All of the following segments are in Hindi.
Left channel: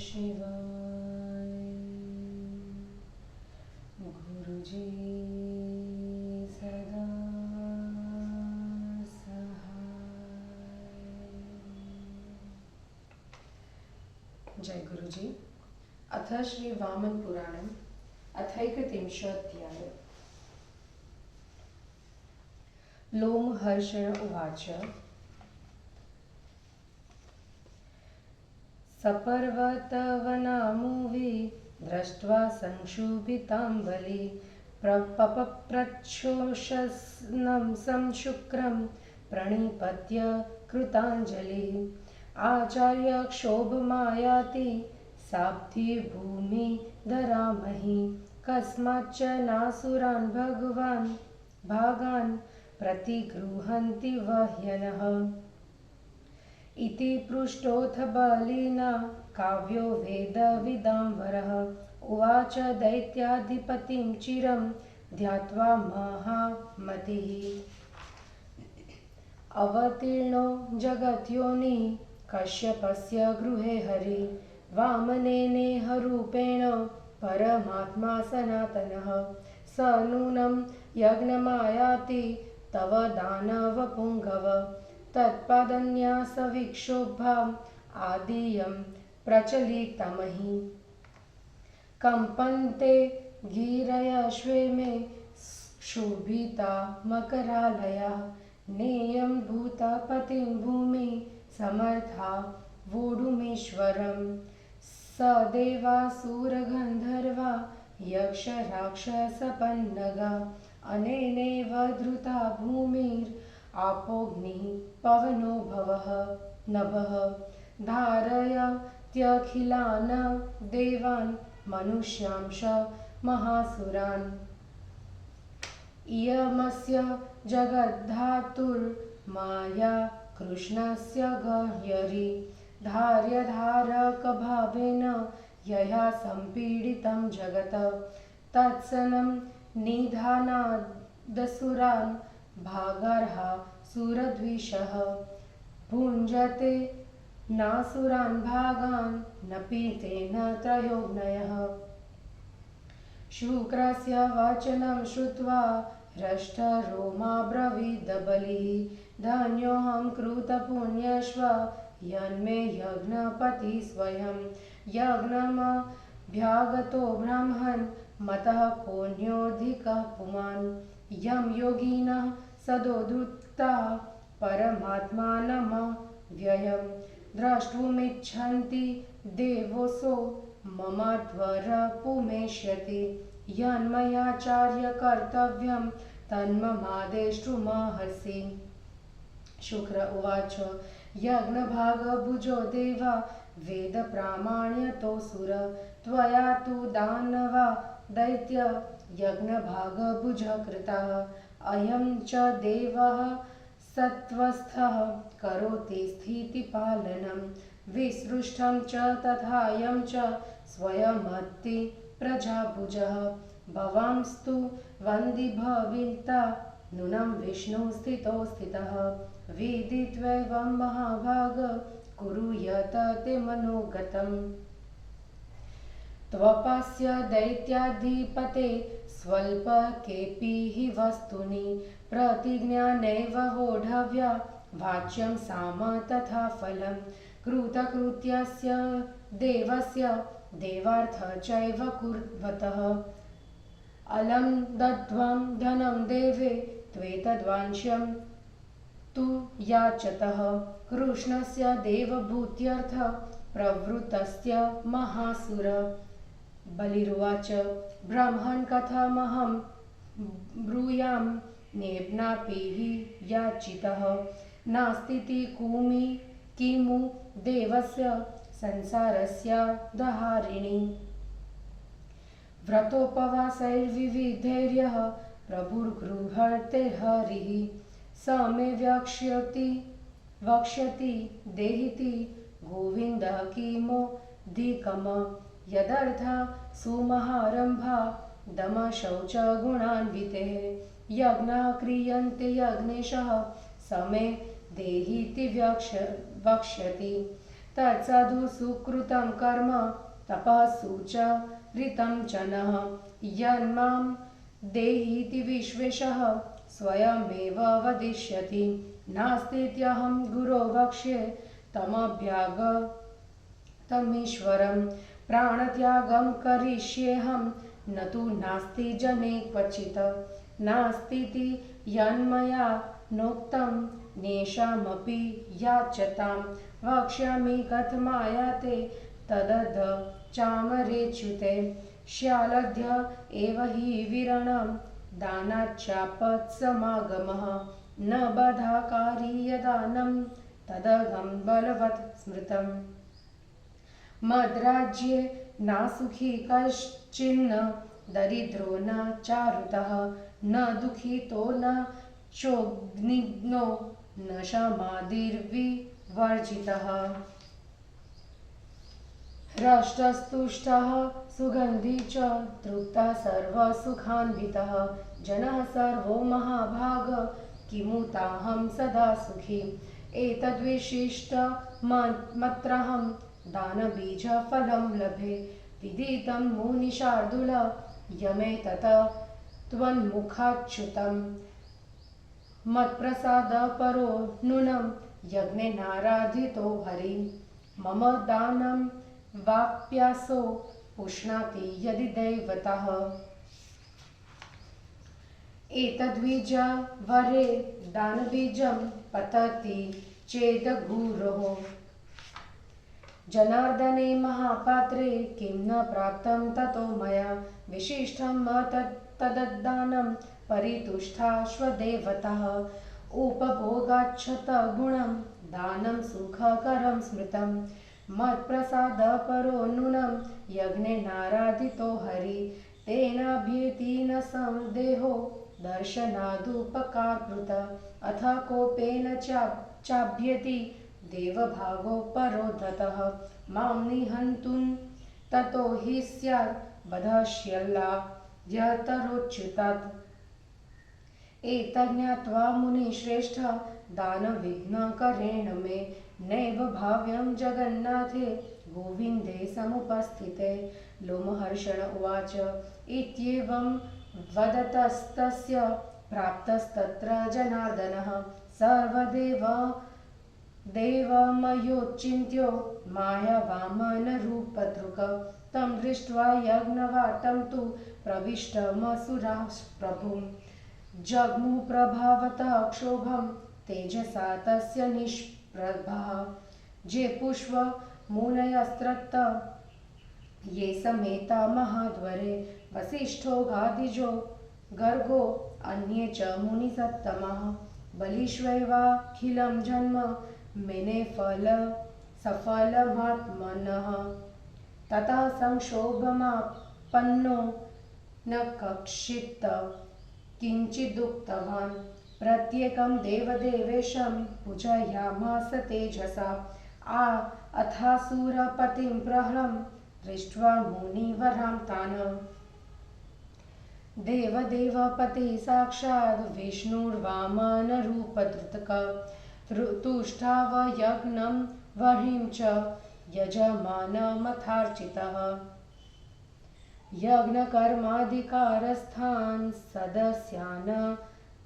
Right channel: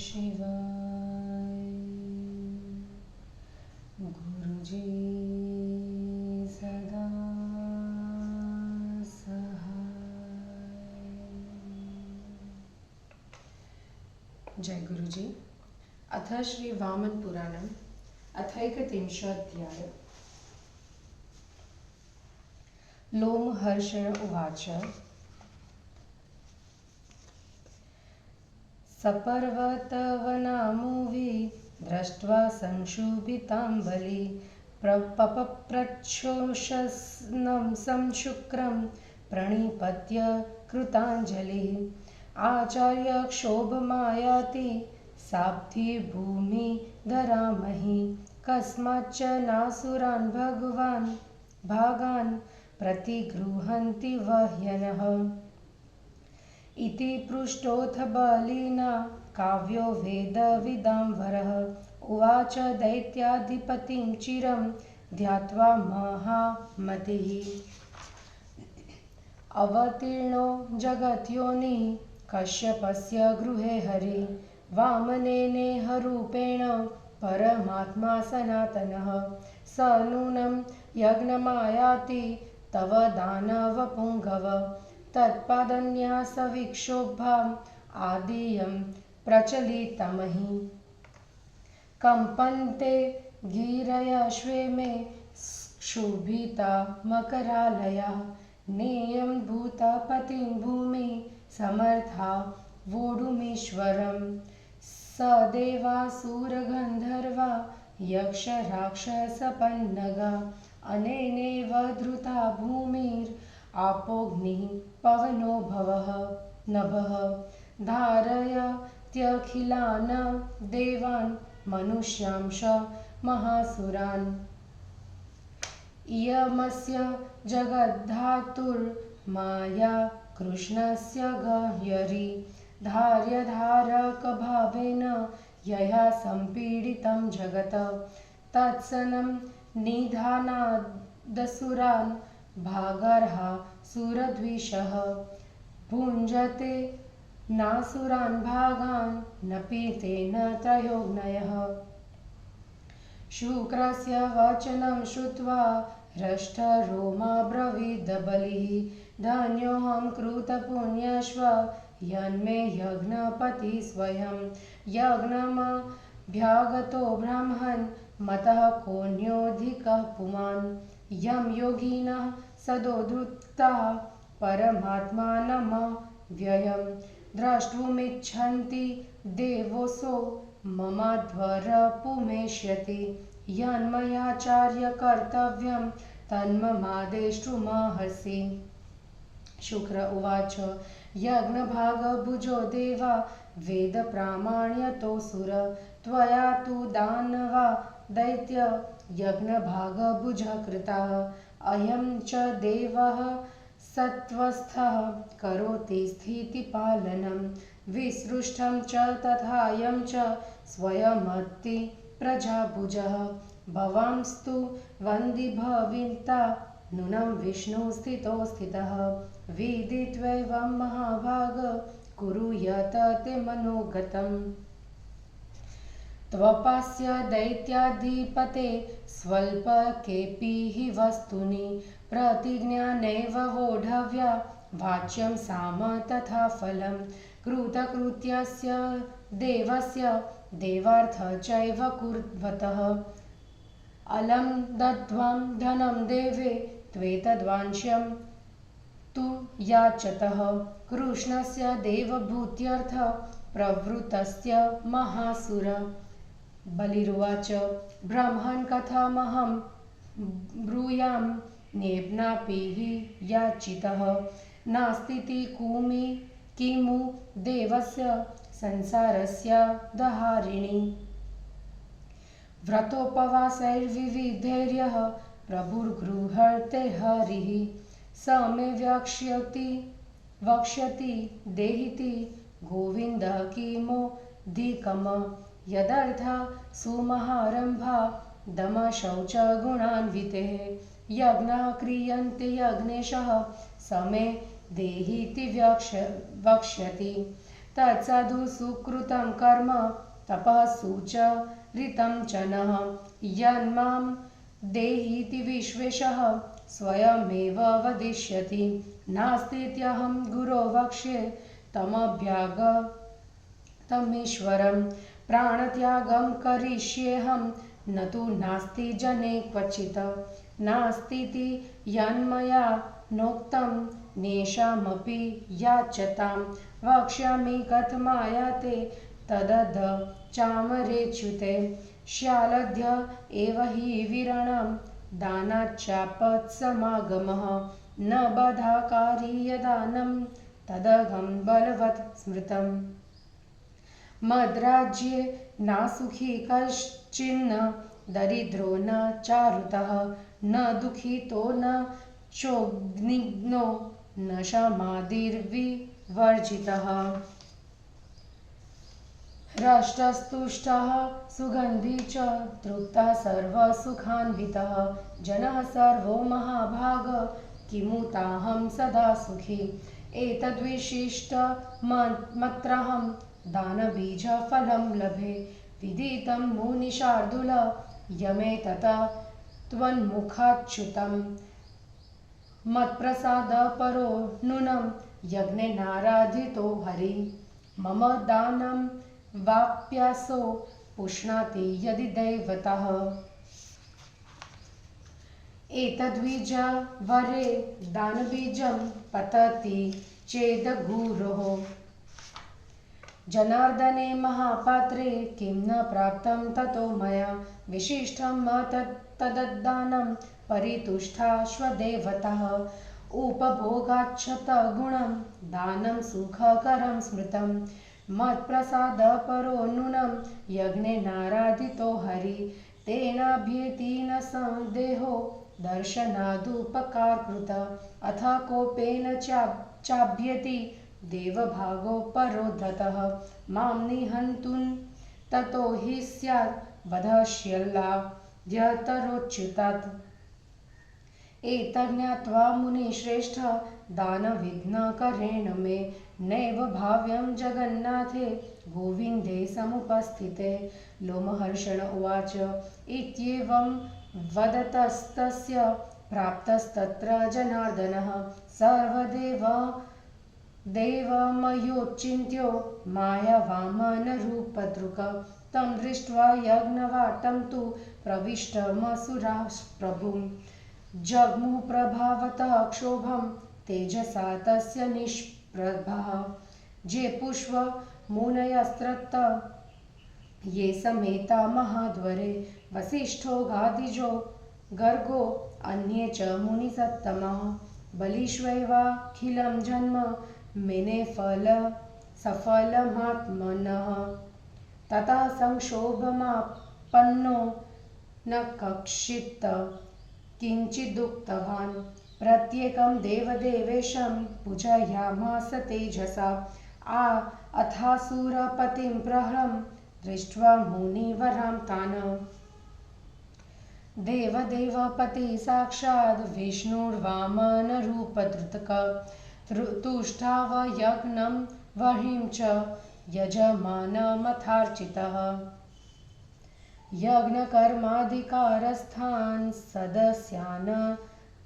शिवाय। गुरुजी सदा सहाय। जय गुरुजी। अथ श्री वामन पुराणम् अथैकत्रिंशोऽध्याय। लोमहर्षण उवाच। सपर्वतवनामूवी दृष्ट्वा संशुभिताम्बली पपप्रच्छोषस्नं संशुक्रं प्रणिपत्य कृताञ्जलिः। आचार्य क्षोभमायाति साब्धि भूमि धरामहि। कस्माच्च नासुरान् भगवान् भागान् प्रतिगृह्णन्ति वह्यनः। इति पृष्टोऽथ बलिना काव्यो वेदविदाम्बरः। उवाच दैत्याधिपतिं चिरं ध्यात्वा महामतिः। अवतीर्णो जगत्योनि कश्यपस्य गृहे हरि। वामनेनेह रूपेण परमात्मा सनातनः। स नूनं यज्ञमायाति तव दानवपुङ्गव। तत्पादन्यासविक्षोभाम् आदियं प्रचलितमहि। कम्पन्ते गिरयश्वे मे क्षुभिता मकरालया। नेयं भूतपतिं भूमि समर्था वोढुमीश्वरम्। स देवासुरगन्धर्वा यक्षराक्षसपन्नगा। अनेनैव धृता भूमिरापोऽग्निः पवनो भवः नभः। धारयत्यखिलान् देवान् मनुष्यांश महासुरान्। इयमस्य जगद्धातुर्माया कृष्णस्य गह्यरी। धार्यधारकभावेन यया सम्पीडितं जगत्। तत्सनं निधानादसुरान् भागार्हा सुरद्विषः। भुञ्जते नासुरान् भागान् नपि तेन त्रयोऽग्नयः। शुक्रस्य वचनं श्रुत्वा हृष्टरोमा बलिः। धन्योऽहं कृतपुण्यश्व यन्मे यज्ञपतिः स्वयं। यज्ञमभ्यागतो ब्रह्मन् मतः कोऽन्योऽधिकः पुमान्। यं योगिनः सदोद्धृताः परमात्मानमव्ययं। द्रष्टुमिच्छन्ति देवोऽसौ ममाध्वरपुमेष्यति। यन्मयाचार्य कर्तव्यं तन्ममादेष्टुमर्हसि। शुक्र उवाच। यज्ञभागभुजो देवा वेदप्रामाण्यतोऽसुर। त्वया तु दानवा दैत्य यज्ञभागभुजः कृताः। अयं च देवः सत्त्वस्थः करोति स्थितिपालनं। विसृष्टं च तथायं च स्वयमत्ति प्रजाभुजः। भवांस्तु वन्दिभविता नूनं विष्णुस्थितो स्थितः। विदित्वैवं महाभाग कुरु यत ते मनोगतम्। त्वपास्य दैत्याधिपते स्वल्पकेऽपि हि वस्तूनि। प्रतिज्ञानैव वोढव्या वाच्यं साम तथा फलं। कृतकृत्यस्य देवस्य देवार्थ चैव कुर्वतः। अलं दत्त्वा धनं देवे त्वेतद्वांश्यं तु याचतः। कृष्णस्य देवभूत्यर्थ प्रवृत्तस्य महासुर। बलिरुवाच। ब्रह्मन् कथमहं ब्रूयां नेप्नापि हि याचितः। नास्तीति किमु देवस्य संसारस्य दहारिणि। व्रतोपवासैर्विविधैर्यः प्रभुर्गृह्णते हरिः। स मे वक्ष्यति देहीति गोविन्द किमोऽधिकम्। यदर्थ सुमहारम्भा दमशौचगुणान्वितेः। यज्ञाः क्रियन्ते यज्ञेशः स मे देहीति वक्ष्यति। तत्साधु सुकृतं कर्म तपः सुचरितं च नः यन्मां देहीति विश्वेशः स्वयमेव वदिष्यति नास्तीत्यहं गुरो वक्ष्ये तमभ्यागतमीश्वरं प्राणत्यागं करिष्येऽहं न तु नास्ति जने क्वचित् नास्तीति यन्मया नोक्तं नेषामपि याच्यतां वक्ष्यामि कथमायाते तदध चामरेच्युते श्यालद्य एव हि विरणं दानाच्चापत्समागमः न बाधाकारी यदानं तदघं बलवत् स्मृतम् मद्राज्ये नासुखी कश्चिन्न दरिद्रो न चारुतः न दुःखितो न चोग्निग्नो न शमादिर्विवर्जितः हृष्टस्तुष्टः सुगन्धी च तृप्तः सर्वसुखान्वितः जनः सर्वो महाभाग किमुताहं सदा सुखी एतद्विशिष्टमत्रहं दानबीजफलं लभे विदितं मुनिशार्दूल यमेतत् त्वन्मुखाच्युतं मत्प्रसादपरो नूनं यज्ञेनाराधितो हरि मम दानं वाप्यासो पुष्णाति यदि दैवतः एतद्बीजवरे दानबीजं पतति चेदघोरोः जनार्दने महापात्रे किं न प्राप्तं ततो मया विशिष्टं तद्दानं परितुष्टाश्वदेवतः उपभोगाच्छत गुणं दानं सुखकरं स्मृतं मत्प्रसादपरो नूनं यज्ञेनाराधितो हरि तेनाभ्येति न संदेहो दर्शनादुपकारकृत अथ कोपेन चाभ्येति देवभागो परोद्धतः मां निहन्तुं ततो हि स्यात् वधश्यल्लाद्यतरोच्युतात् एतज्ज्ञात्वा मुनिश्रेष्ठ दानविघ्नकरेण मे नैव भाव्यं जगन्नाथे गोविन्दे समुपस्थिते लोमहर्षण उवाच इत्येवं वदतस्तस्य प्राप्तस्तत्र जनार्दनः देवमयोचिन्त्यो मायावामनरूपदृक् तं दृष्ट्वा यज्ञवाटं तु प्रविष्टमसुराः प्रभुं जग्मुप्रभावतः क्षोभं तेजसा तस्य निष्प्रभः जे पुष्पमुनयस्त्रत्त ये समेता महाद्वरे वसिष्ठो गादिजो गर्गो अन्ये च मुनिसत्तमः बलिष्वैवाखिलं जन्म मेने सफलमात्मनः ततः संक्षोभमापन्नो न कक्षित् किञ्चिदुक्तवान् प्रत्येकं देवदेवेशं पूजयामास तेजसा अथासुरपतिं प्रहरं दृष्ट्वा मुनिवरां तान् देवदेवपति साक्षात् विष्णुर्वामनरूपधृतक तुष्टावयज्ञं वह्निं च यजमानमथार्चितः यज्ञकर्माधिकारस्थान् सदस्यान्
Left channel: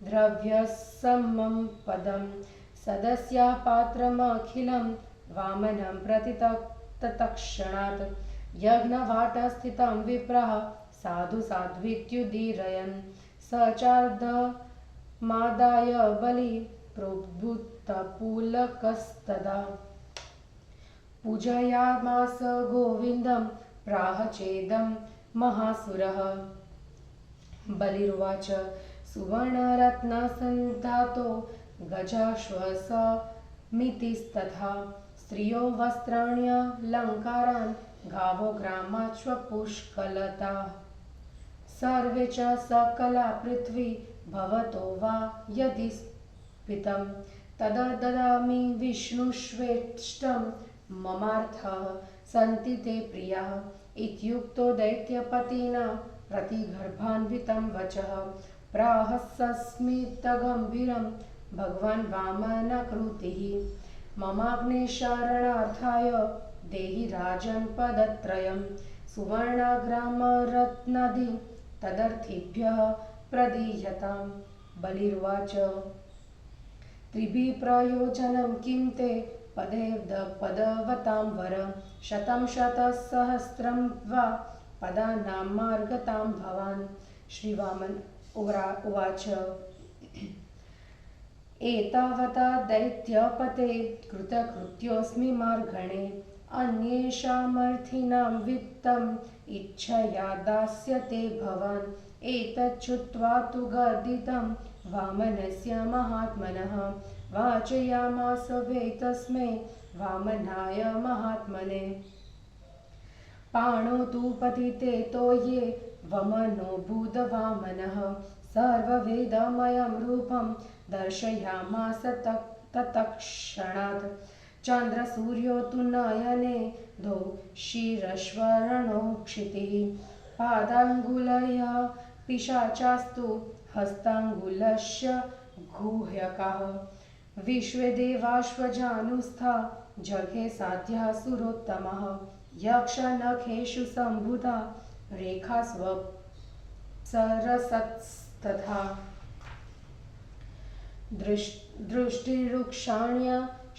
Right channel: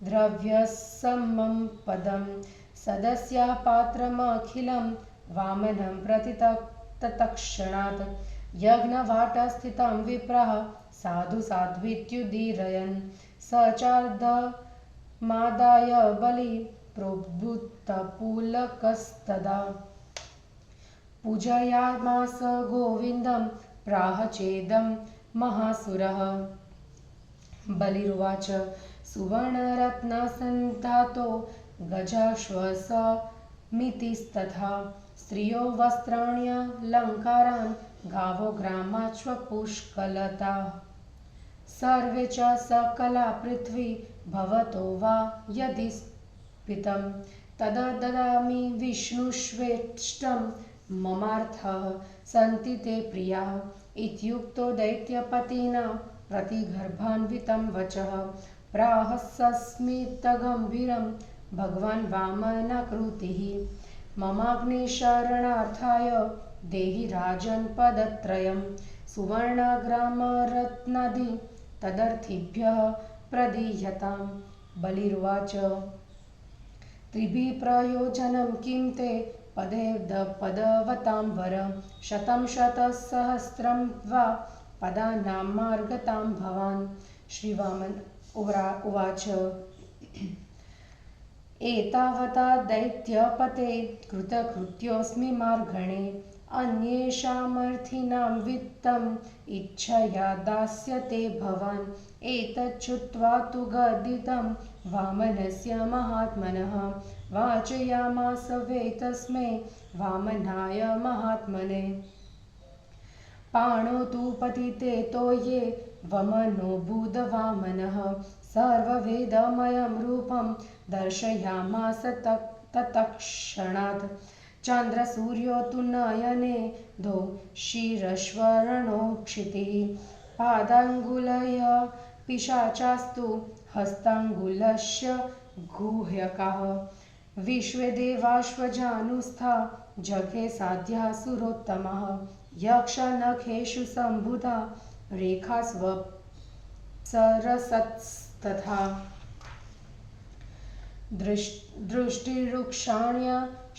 द्रव्यसमं पदं सदस्या पात्रमखिलं वामनं प्रति तत्क्षणात् यज्ञवाटस्थितं विप्रः साधु साध्वीत्युदीरयन् स चार्धमादाय बलि प्रोद्भूतपुलकस्तदा पूजयामास गोविन्दं प्राह चेदं महासुरः बलिरुवाच सुवर्णरत्नसन्धातो गजाश्वसमितिस्तथा स्त्रियो वस्त्राण्यलङ्कारान् गावो ग्रामाश्वपुष्कलता सर्वे च सकला पृथ्वी भवतो वा यदि स्फीतं तदददामि विष्णुष्वेष्टं ममार्थः सन्ति ते प्रियाः इत्युक्तो दैत्यपतिना प्रतिगर्भान्वितं वचः प्राह सस्मितगम्भीरं भगवान् वामनाकृतिः ममाग्ने शरणार्थाय देहि राजन् पदत्रयम् सुवर्णाग्रामरत्नादि तदर्थिभ्यः प्रदीयताम्। बलिर्वाच त्रिभिः प्रयोजनं किं ते पदवतां वर शतं शतसहस्रं वा पदानां मार्गतां भवान्। श्रीवामन उवाच एतावता दैत्यपते कृतकृत्योऽस्मि मार्गणे अन्येषामर्थिनां वित्तम् इच्छया दास्यते भवान्। एतच्छ्रुत्वा तु गर्दितं वामनस्य महात्मनः वाचयामास वै तस्मै वामनाय महात्मने पाणौ तु पतिते तोये वमनो भूतवामनः सर्ववेदमयं रूपं दर्शयामास तत्क्षणात् चन्द्रसूर्यो तु नयने द्वौ शिरश्वरणो क्षितिः पादाङ्गुलया पिशाचास्तु हस्ताङ्गुलस्य गुह्यकाः विश्वे देवाश्वजानुस्था जघे साध्या सुरोत्तमः यक्षनखेषु सम्भुता रेखास्वप्सरसस्तथा दृष्टिरुक्षाण्य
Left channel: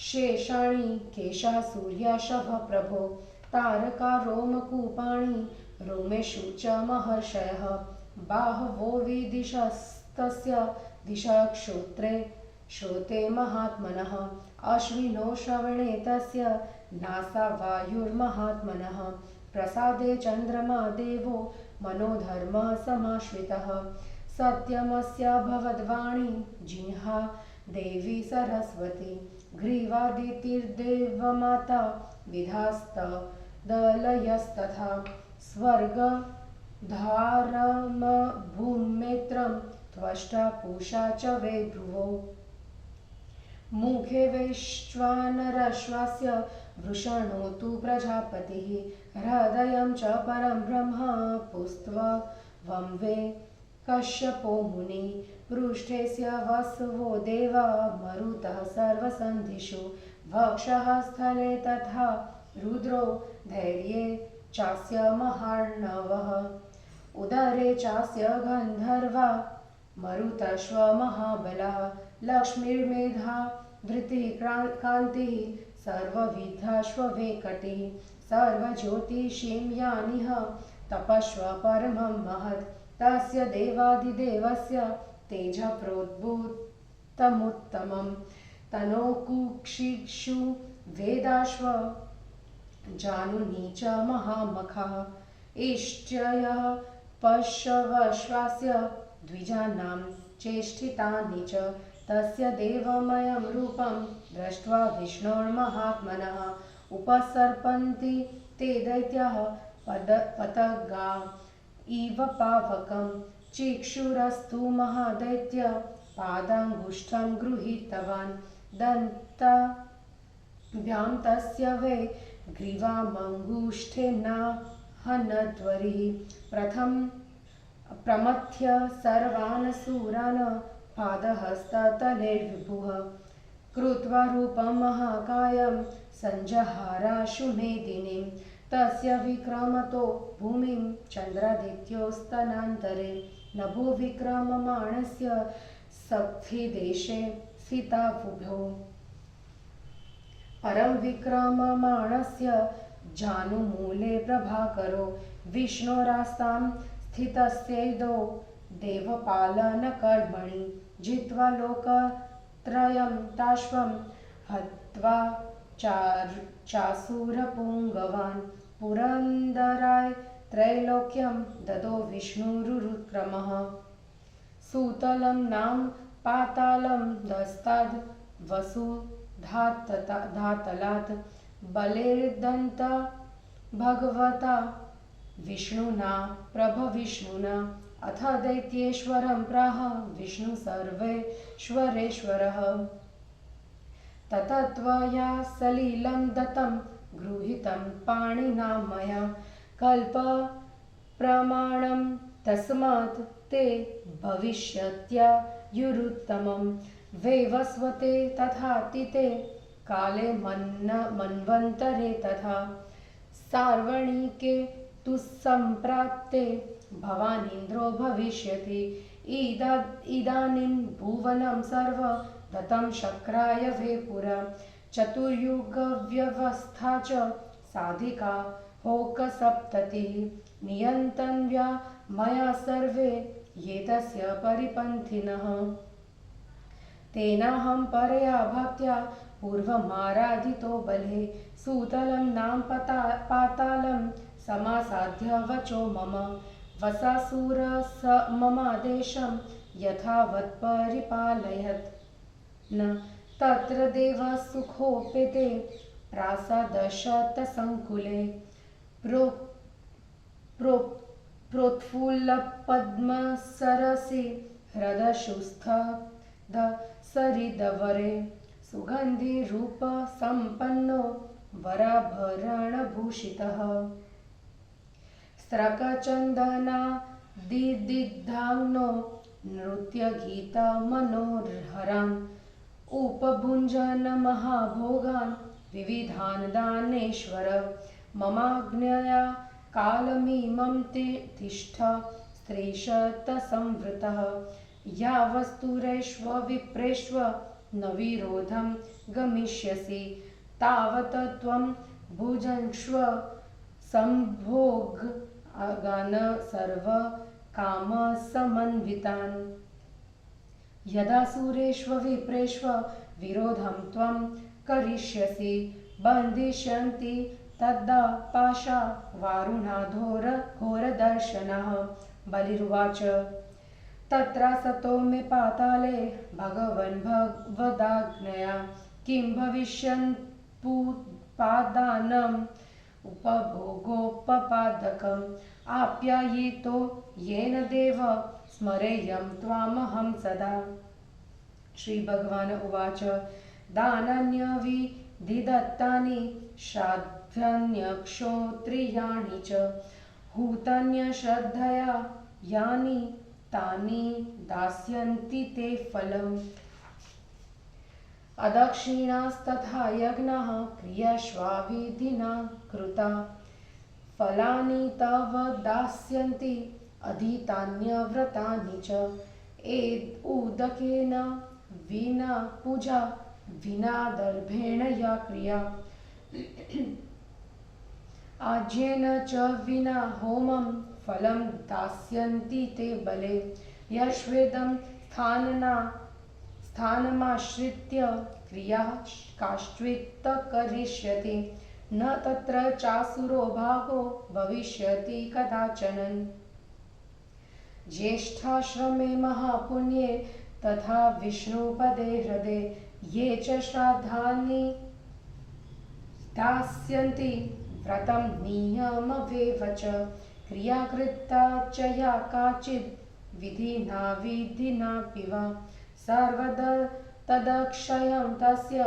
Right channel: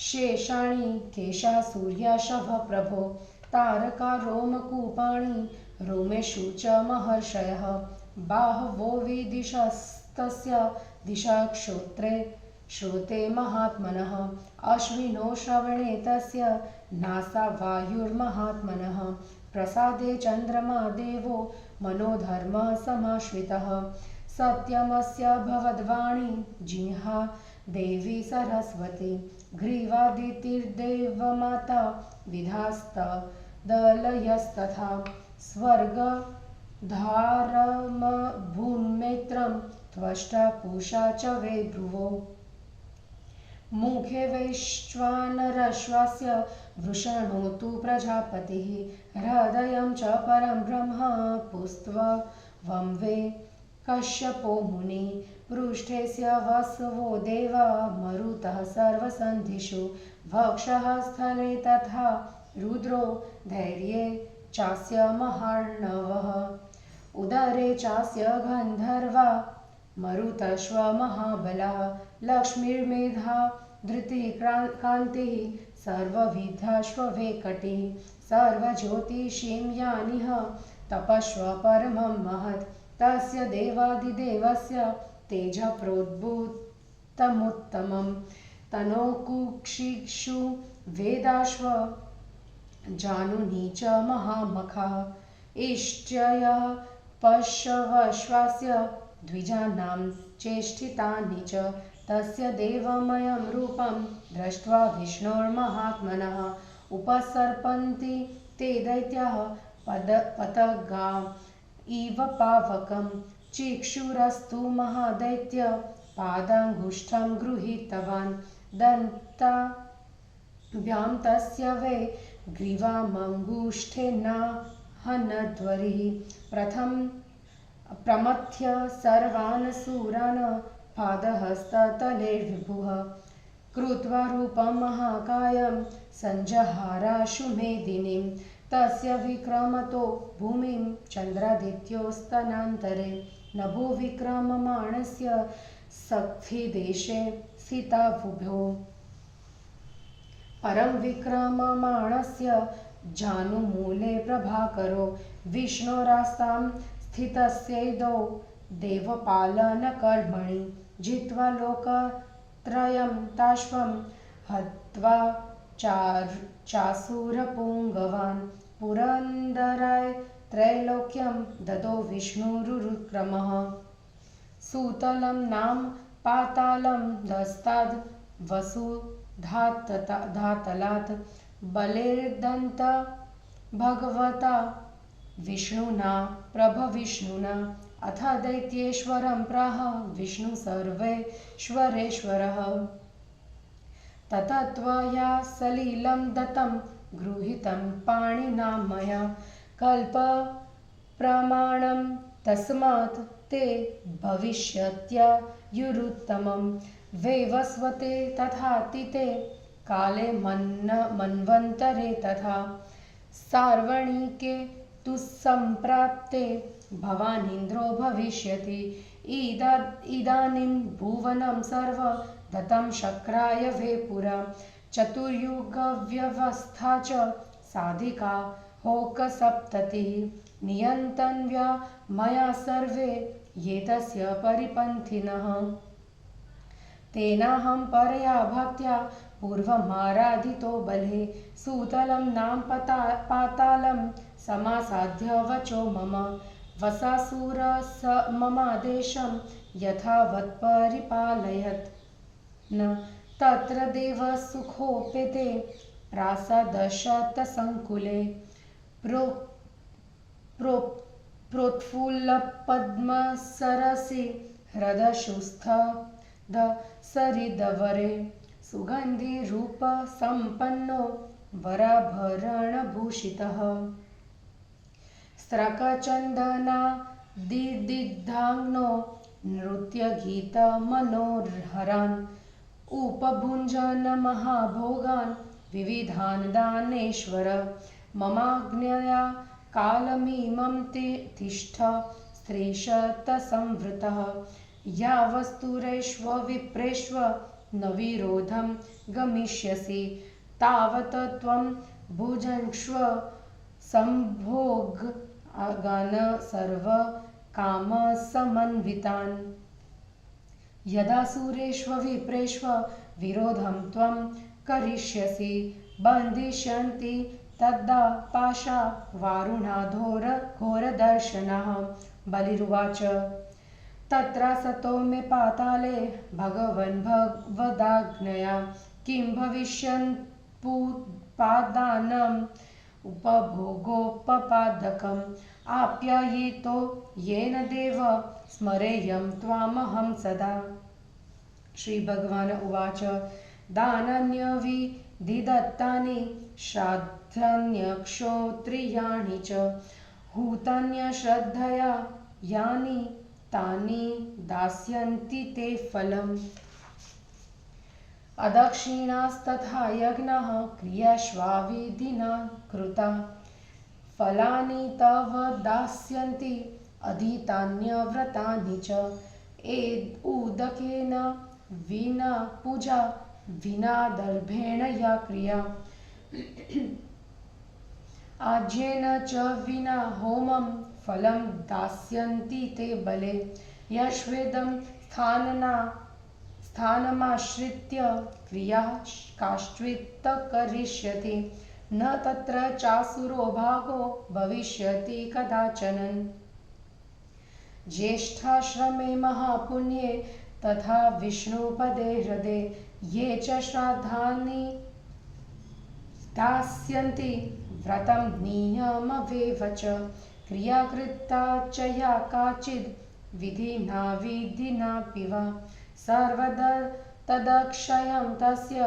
शेषाणि केशासूर्याशभप्रभो तारका रोमकूपाणि रोमेषु च महर्षयः बाहवो विदिशस्तस्य दिशाक्षोत्रे श्रोते महात्मनः अश्विनो श्रवणे तस्य नासा वायुर्महात्मनः प्रसादे चन्द्रमा देवो मनोधर्मः समाश्रितः सत्यमस्य भवद्वाणी जिह्वा देवी सरस्वती ग्रीवादितिर्देवमाता विधास्तदलयस्तथा स्वर्गधारमभून्नेत्रं त्वष्टा पूषा च वै भ्रुवो मुखे वैश्वानरश्वास्य वृषणो तु प्रजापतिः हृदयं च परं ब्रह्म पुस्त्वं वै कश्यपो मुनिः पृष्ठेस्य वसवो देवा मरुतः सर्वसन्धिषु वक्षः स्थले तथा रुद्रो धैर्ये चास्य महार्णवः उदरे चास्य गन्धर्वा मरुतश्व महाबलः लक्ष्मीर्मेधा धृतिकान्तिः सर्वविधाश्ववेकटिः सर्वज्योतिषीं यानिह तपस्व परमं महत् तस्य देवादिदेवस्य तेजः प्रोद्भूतमुत्तमं तनोकुक्षिषु वेदाश्व जानुनी च महामखाः इष्ट्ययः पशवश्वास्य द्विजानां चेष्टितानि च तस्य देवमयं रूपं दृष्ट्वा विष्णोर्महात्मनः उपसर्पन्ति ते दैत्याः पतगा इव पावकं चिक्षुरस्तु महादैत्य पादाङ्गुष्ठं गृहीतवान् दन्ताभ्यां तस्य वै ग्रीवामङ्गुष्ठेनाहनध्वरिः प्रमथ्य सर्वान् सूरान् पादहस्ततलेर्विभुः कृत्वा रूपं महाकायं सञ्जहाराशु मेदिनीं तस्य विक्रमतो भूमिं चन्द्रादित्योस्तनान्तरे नभो विक्रममाणस्य सखिदेशे स्थितावुभो परं विक्रममाणस्य जानुमूले प्रभाकरो विष्णोरास्तां स्थितस्यैदौ देवपालनकर्मणि जित्वा लोकत्रयं ताश्वं हत्वा चासुरपुङ्गवान् पुरन्दराय त्रैलोक्यं ददो विष्णुरुक्रमः सुतलं नाम पातालं दस्ताद् वसुधातलात् बलेर्दन्त भगवता विष्णुना प्रभविष्णुना अथ दैत्येश्वरं प्राह विष्णु सर्वेश्वरेश्वरः ततत्त्वया सलिलं दत्तं गृहीतं पाणिना मया कल्पप्रमाणं तस्मात् ते भविष्यत्यायुरुत्तमं वैवस्वते तथातिते काले मन्वन्तरे तथा सार्वणिके तु सम्प्राप्ते भवानीन्द्रो भविष्यति। इदानीं भुवनं सर्व दत्तं शक्राय वै पुरा। चतुर्युगव्यवस्था च साधिका होकसप्ततिः। नियन्तव्या मया सर्वे ये तस्य परिपन्थिनः। तेनाहं परया भक्त्या पूर्वमाराधितो बले। सूतलं नाम पातालं समासाद्य वचो मम। वसासुर स ममादेशं यथावत् परिपालयत्। न तत्र देव सुखोपेते प्रासादशतसङ्कुले। प्रोत्फुल्लपद्मसरसि हृदशुस्थद सरिदवरे। सुगन्धिरूपसम्पन्नो वराभरणभूषितः। स्त्रकचन्दनादिदिग्धाङ्नो नृत्यगीतमनोहरान् उपभुञ्जन् महाभोगान् विविधान् दानेश्वर। ममाज्ञया कालमिमं तिष्ठ स्त्रीशतसंवृतः। यावस्तुरेष्व विप्रेष्व न विरोधं गमिष्यसि तावत् त्वं भुजङ्क्ष्व सम्भोगान् सर्वकामसमन्वितान्। यदा सुरेष्व विप्रेष्व विरोधं त्वं करिष्यसि बन्धिष्यन्ति तदा पाशा वारुणाघोरदर्शनः। बलिरुवाच तत्र सतो मे पाताले भगवन् भगवदाज्ञया किं भविष्यन्पुपादानम् उपभोगोपपादकम् आप्यायितो येन देव स्मरेयं त्वामहं सदा। श्री भगवान उवाच दानान्यविधिदत्तानि श्राद्धान्यक्षोत्रियाणि च हूतान्यश्रद्धया यानि तानि दास्यन्ति ते फलम्। अदक्षिणास्तथा यज्ञः क्रियाश्वाविधिना कृता फलानि तव दास्यन्ति अधीतान्यव्रतानि च। उदकेन विना पूजा विना दर्भेण या क्रिया आज्येन च विना होमं फलं दास्यन्ति ते बले। यश्वेदं स्थानमाश्रित्य क्रियाः काश्चित् करिष्यति न तत्र चासुरो भागो भविष्यति कदाचन। ज्येष्ठाश्रमे महापुण्ये तथा विष्णुपदे हृदे ये च श्राद्धानि दास्यन्ति व्रतं नियममेव च। क्रिया कृता च या काचिद् विधिनापि वा सर्वदा तदक्षयं तस्य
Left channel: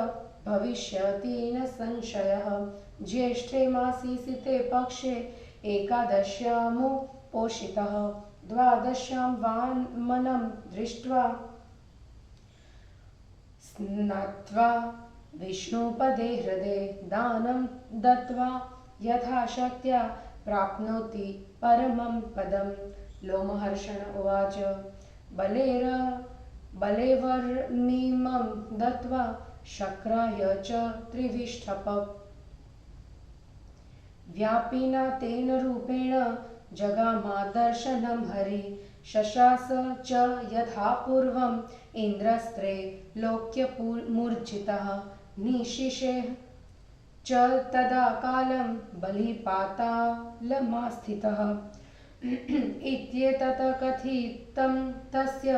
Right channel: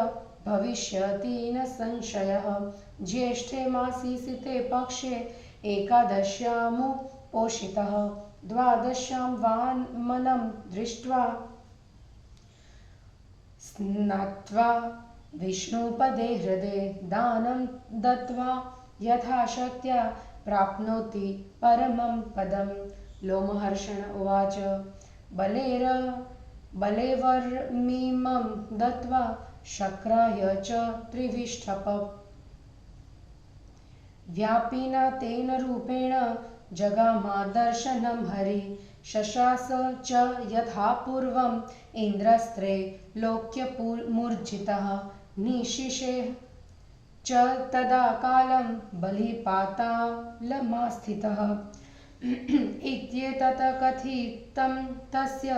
भविष्यति न संशयः। ज्येष्ठे मासि सिते पक्षे एकादश्यामुपोषितः द्वादश्यां वामनं दृष्ट्वा स्नात्वा विष्णुपदे हृदे दानं दत्त्वा यथाशक्त्या प्राप्नोति परमं पदम्। लोमहर्षण उवाच बलेवर्मिमं दत्त्वा शक्राय च त्रिविष्टप। व्यापिना तेन रूपेण जगामादर्शनं हरि। शशास च यथा पूर्वम् इन्द्रस्त्रे लोक्यमूर्जितः। निशिशे च तदा कालं बलिपातालमास्थितः। इत्येतत् कथितं तस्य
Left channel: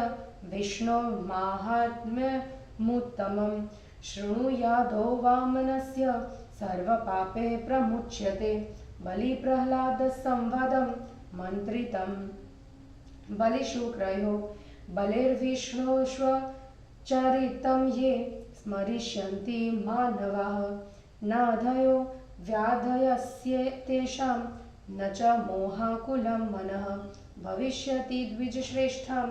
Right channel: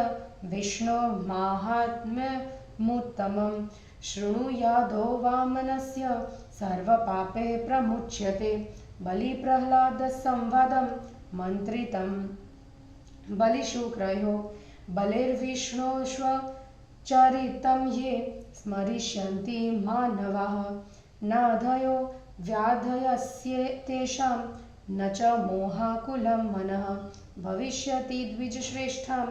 विष्णोर्माहात्म्यमुत्तमं। शृणुयादो वामनस्य सर्वपापे प्रमुच्यते। बलिप्रह्लादसंवादं मन्त्रितं बलिशुक्रयो। बलिर्विष्णोश्वचरितं ये स्मरिष्यन्ति मानवाः नाधयो व्याधयस्येतेषां न च मोहाकुलं मनः। भविष्यति द्विजश्रेष्ठं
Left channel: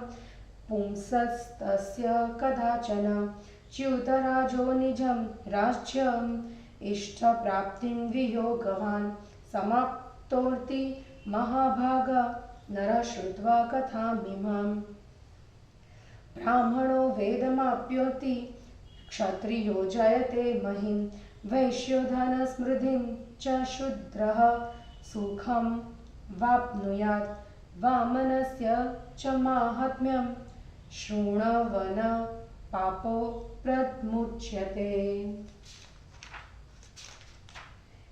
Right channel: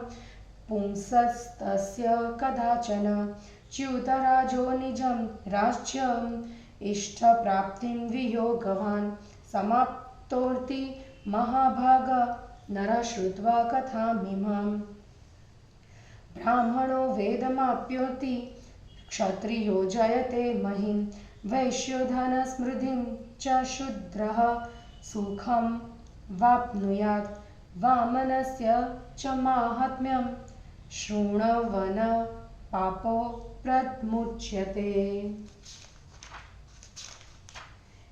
पुंसस्तस्य कदाचन च्युतराजो निजं राज्यम् इष्टप्राप्तिं वियोगवान् समाप्तोऽर्ति महाभागा नरः श्रुत्वा कथामिमाम्। ब्राह्मणो वेदमाप्नोति क्षत्रियो जयते महिं वैश्यो धनसमृद्धिं च शूद्रः सुखं वाप्नुयात् वामनस्य च माहात्म्यं शृण्वन् पापो प्रमुच्यते।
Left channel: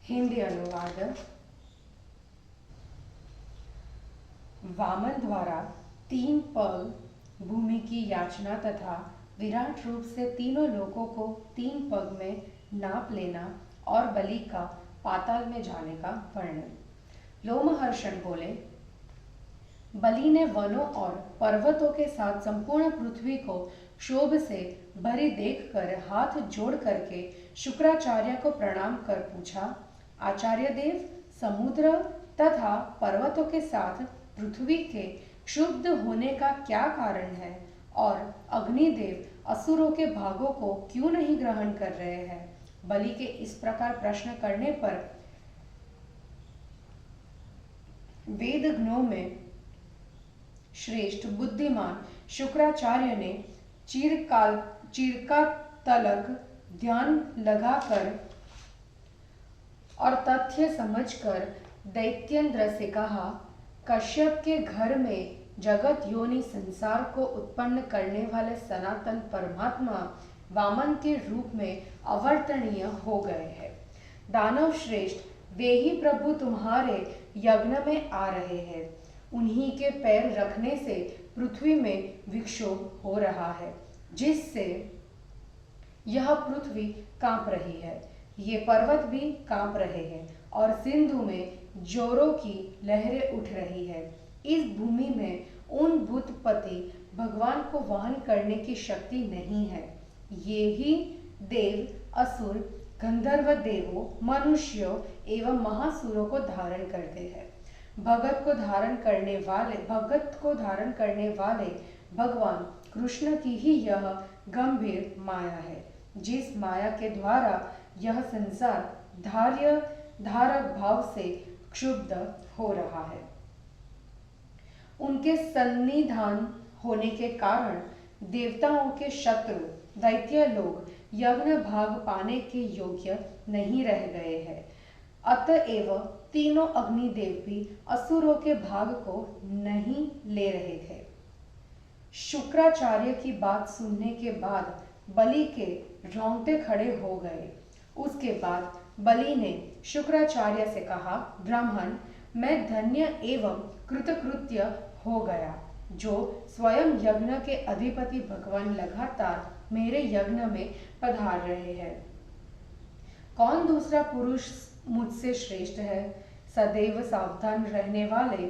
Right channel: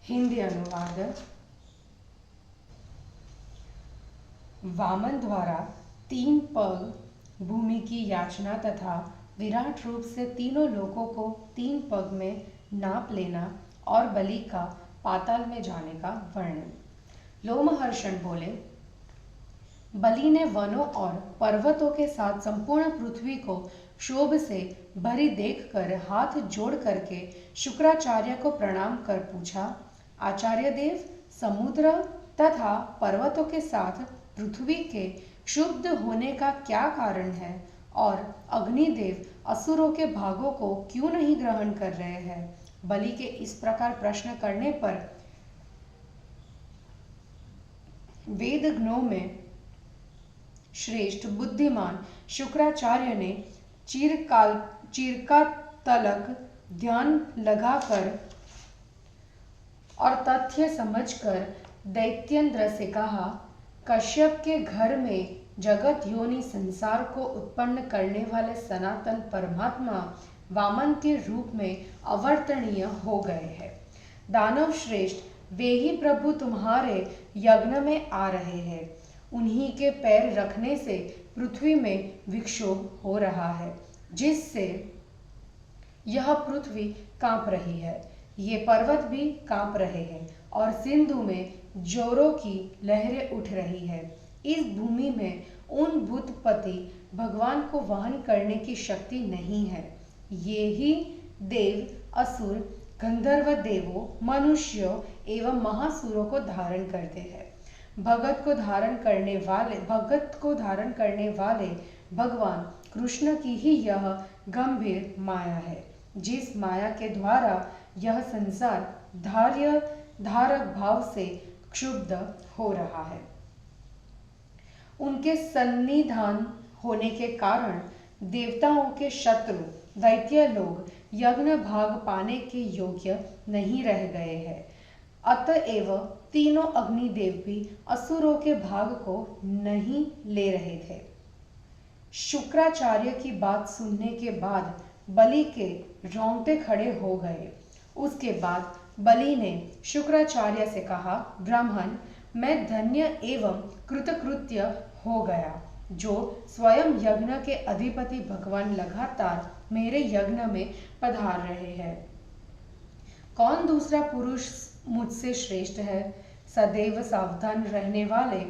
हिंदी अनुवाद। वामन द्वारा 3 पग भूमि की याचना तथा विराट रूप से तीनों लोकों को 3 पग में नाप लेना और बलि का पाताल में जाने का वर्णन। लोमहर्षण बोले, बलि ने वनों और पर्वतों के साथ संपूर्ण पृथ्वी को क्षोभ से भरी देखकर हाथ जोड़ करके शुक्राचार्य को प्रणाम कर पूछा, आचार्य देव, समुद्र तथा पर्वतों के साथ पृथ्वी के क्षुब्ध होने का क्या कारण है और अग्निदेव असुरों के भागों को क्यों नहीं ग्रहण कर रहे हैं? बलि के इस प्रकार प्रश्न करने पर वेदज्ञों में श्रेष्ठ बुद्धिमान शुक्राचार्य ने चिरकाल तलक ध्यान लगाकर और तथ्य समझकर दैत्येंद्र से कहा, कश्यप के घर में जगत योनि संसार को उत्पन्न करने वाले सनातन परमात्मा वामन के रूप में अवर्तनीय हो गए हैं। दानव श्रेष्ठ वे ही प्रभु तुम्हारे यज्ञ में आ रहे हैं। उन्हीं के पैर रखने से पृथ्वी में विक्षोभ हो रहा है, जिससे यह पृथ्वी कांप रही है, ये पर्वत भी कांप रहे हैं और सिंधु में जोरों की लहरें उठ रही है। इस भूमि में उन भूतपति भगवान को वहन करने की शक्ति नहीं है। ये ही देव, असुर, गंधर्व देवों, मनुष्यों एवं महासुरों को धारण करते हैं। भगत को धारण करने वाले भगवान कृष्ण की ही यह गंभीर माया है, जिस माया के द्वारा यह संसार धारक भाव से क्षुब्ध हो रहा है। उनके सन्निधान होने के कारण देवताओं के शत्रु दैत्य लोग यज्ञ भाग पाने के योग्य नहीं रह गए हैं। अतएव तीनों अग्निदेव भी असुरों के भाग को नहीं ले रहे थे। शुक्राचार्य की बात सुनने के बाद बलि के रोंगटे खड़े हो गए। उसके बाद बलि ने शुक्राचार्य से कहा, ब्राह्मण, मैं धन्य एवं कृतकृत्य हो गया जो स्वयं यज्ञ के अधिपति भगवान लगातार मेरे यज्ञ में पधार रहे हैं। कौन दूसरा पुरुष मुझसे श्रेष्ठ है? सदैव सावधान रहने वाले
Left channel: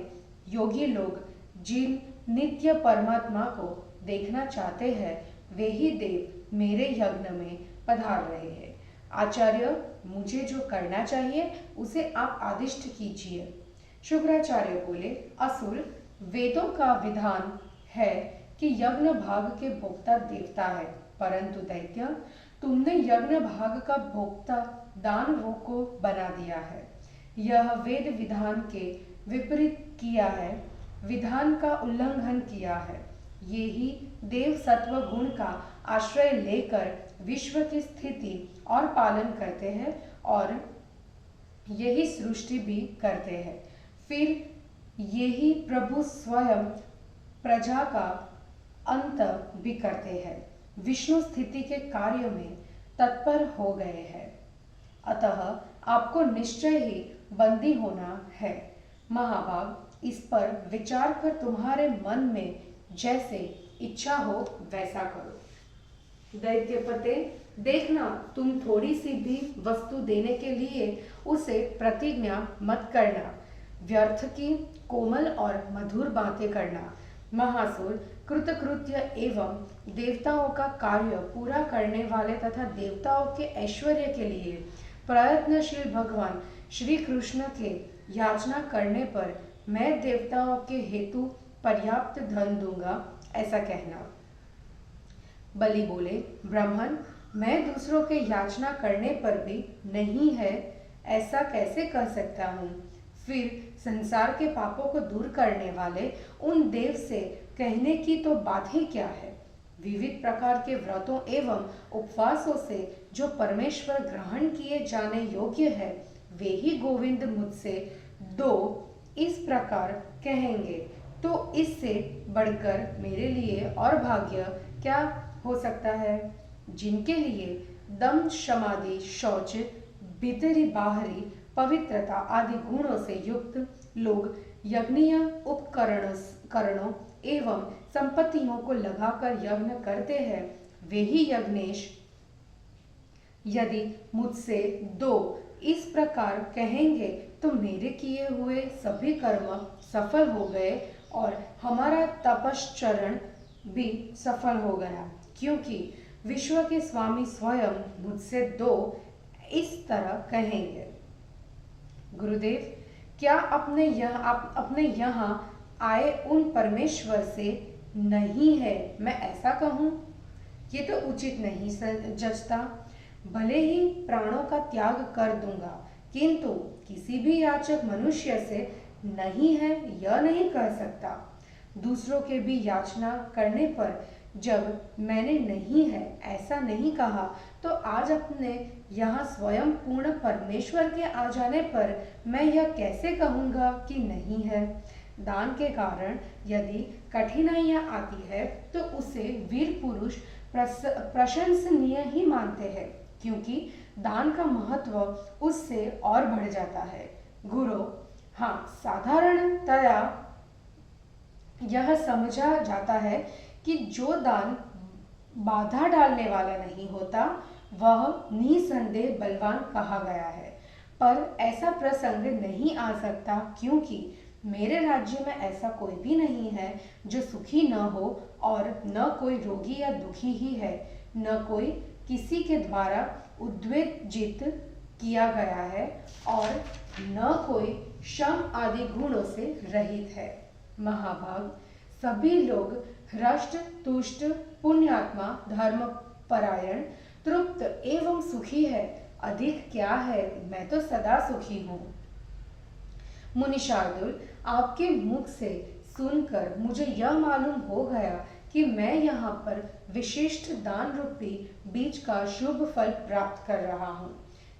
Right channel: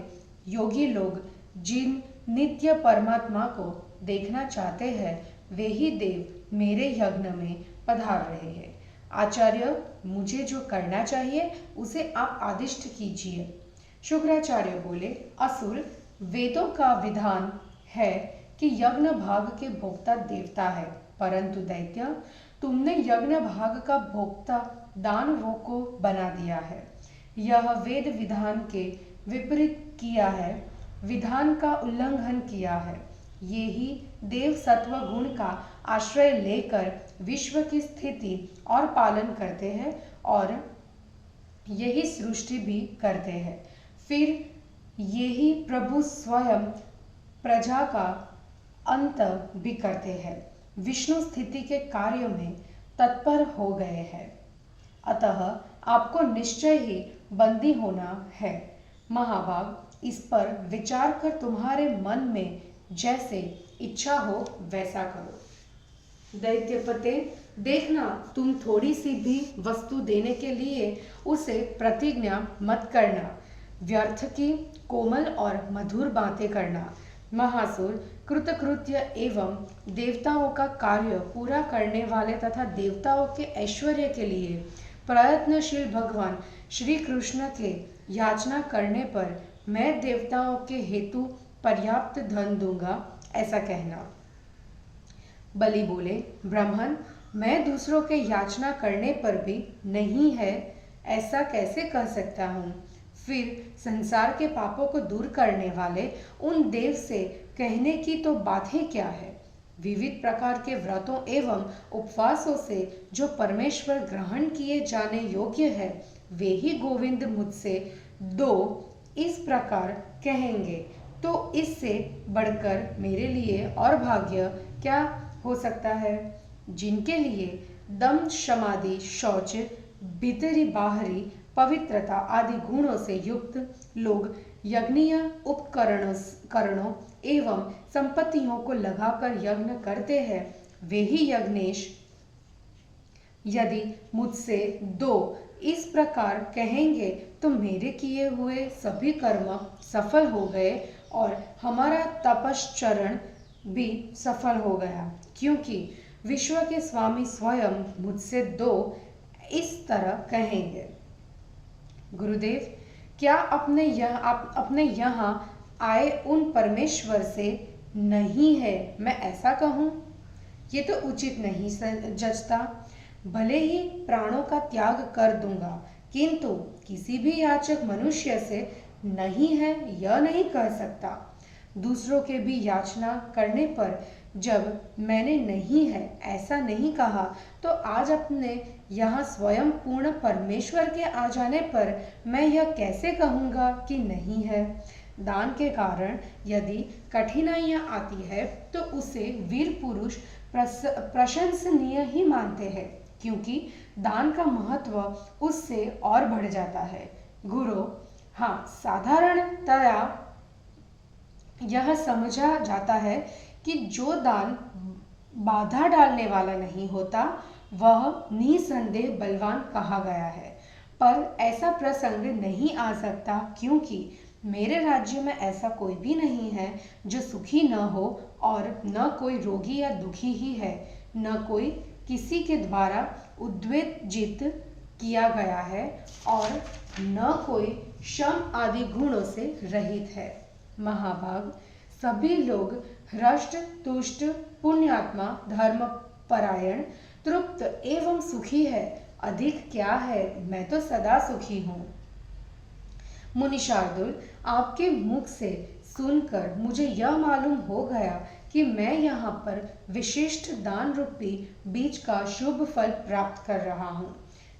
योगी लोग जिन नित्य परमात्मा को देखना चाहते हैं, वे ही देव मेरे यज्ञ में पधार रहे हैं। आचार्य, मुझे जो करना चाहिए उसे आप आदिष्ट कीजिए। शुक्राचार्य बोले, असुर, वेदों का विधान है कि यज्ञ भाग के भोक्ता देवता है, परंतु दैत्य, तुमने यज्ञ भाग का भोक्ता दानवों को बना दिया है। यह वेद विधान के विपरीत किया है, विधान का उल्लंघन किया है। ये ही देव सत्व गुण का आश्रय लेकर विश्व की स्थिति और पालन करते हैं और यही सृष्टि भी करते हैं। फिर यही प्रभु स्वयं प्रजा का अंत भी करते हैं। विष्णु स्थिति के कार्य में तत्पर हो गए हैं। अतः आपको निश्चय ही बंदी होना है। महाभाग, इस पर विचार कर तुम्हारे मन में जैसे इच्छा हो वैसा करो। दैत्यपते, देखना, तुम थोड़ी सी भी वस्तु देने के लिए उसे प्रतिज्ञा मत करना। व्यर्थ की कोमल और मधुर बातें करना। महासुर, कृतकृत्य एवं देवताओं का कार्य पूरा करने वाले तथा देवताओं के ऐश्वर्य के लिए प्रयत्नशील भगवान श्री कृष्ण के याचना करने पर मैं देवताओं के हेतु पर्याप्त धन दूंगा, ऐसा कहना। बलि बोले, ब्राह्मण, मैं दूसरों के याचना करने पर भी नहीं है ऐसा कैसे कह सकता हूँ? फिर संसार के पापों को दूर करने वाले उन देव से कहने की तो बात ही क्या है? विविध प्रकार के व्रतों एवं उपवासों से जो परमेश्वर ग्रहण किए जाने योग्य है, वे ही गोविंद मुझसे दो इस प्रकार कहेंगे, तो इससे बढ़कर मेरे लिए और भाग्य क्या हो सकता है? जिनके लिए दम, समाधि, शौच, भीतरी बाहरी पवित्रता आदि गुणों से युक्त लोग यज्ञीय उपकरणों एवं संपत्तियों को लगाकर यज्ञ करते हैं, वे ही यज्ञेश यदि मुझसे दो इस प्रकार कहेंगे तो मेरे किए हुए सभी कर्म सफल हो गए और हमारा तपश्चरण भी सफल हो गया, क्योंकि विश्व के स्वामी स्वयं मुझसे दो इस तरह कहेंगे। गुरुदेव, क्या आप अपने यहाँ आए उन परमेश्वर से नहीं है मैं ऐसा कहूँ? ये तो उचित नहीं जचता। भले ही प्राणों का त्याग कर दूंगा, किंतु किसी भी याचक मनुष्य से नहीं है यह नहीं कह सकता। दूसरों के भी याचना करने पर जब मैंने नहीं है ऐसा नहीं कहा, तो आज अपने यहाँ स्वयं पूर्ण परमेश्वर के आ जाने पर मैं यह कैसे कहूँगा कि नहीं है? दान के कारण यदि कठिनाइयाँ आती है तो उसे वीर पुरुष प्रशंसनीय ही मानते हैं, क्योंकि दान का महत्व उससे और बढ़ जाता है। गुरु, हाँ, साधारणतया यह समझा जाता है कि जो दान बाधा डालने वाला नहीं होता वह निसंदेह बलवान कहा गया है, पर ऐसा प्रसंग नहीं आ सकता, क्योंकि मेरे राज्य में ऐसा कोई भी नहीं है जो सुखी न हो, और न कोई रोगी या दुखी ही है, न कोई किसी के द्वारा उद्वेजित किया गया है, और न कोई शम आदि गुणों से रहित है। महाभाग, सभी लोग हृष्ट तुष्ट पुण्यात्मा धर्म परायण तृप्त एवं सुखी है। अधिक क्या है, मैं तो सदा सुखी हूँ। मुनि शार्दुल, आपके मुख से सुनकर मुझे यह मालूम हो गया कि मैं यहाँ पर विशिष्ट दान रूपी बीज का शुभ फल प्राप्त कर रहा हूँ।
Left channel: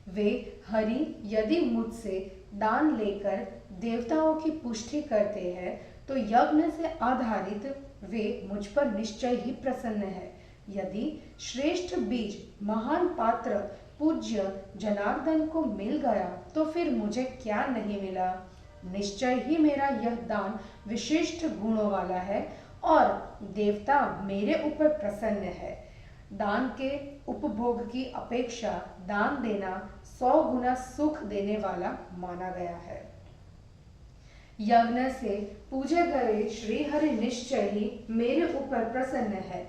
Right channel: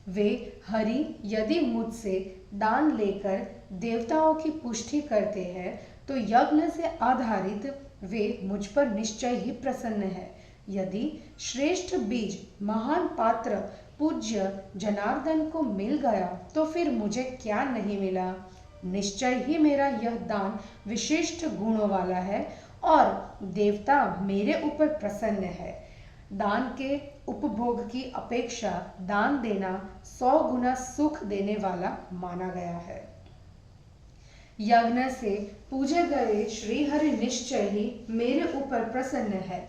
वे हरि यदि मुझसे दान लेकर देवताओं की पुष्टि करते हैं तो यज्ञ से आधारित वे मुझ पर निश्चय ही प्रसन्न है। यदि श्रेष्ठ बीज महान पात्र पूज्य जनार्दन को मिल गया तो फिर मुझे क्या नहीं मिला? निश्चय ही मेरा यह दान विशिष्ट गुणों वाला है और देवता मेरे ऊपर प्रसन्न है। दान के उपभोग की अपेक्षा दान देना 100 गुना सुख देने वाला माना गया है। यज्ञ से पूजे गए श्री हरि निश्चय ही मेरे ऊपर प्रसन्न है,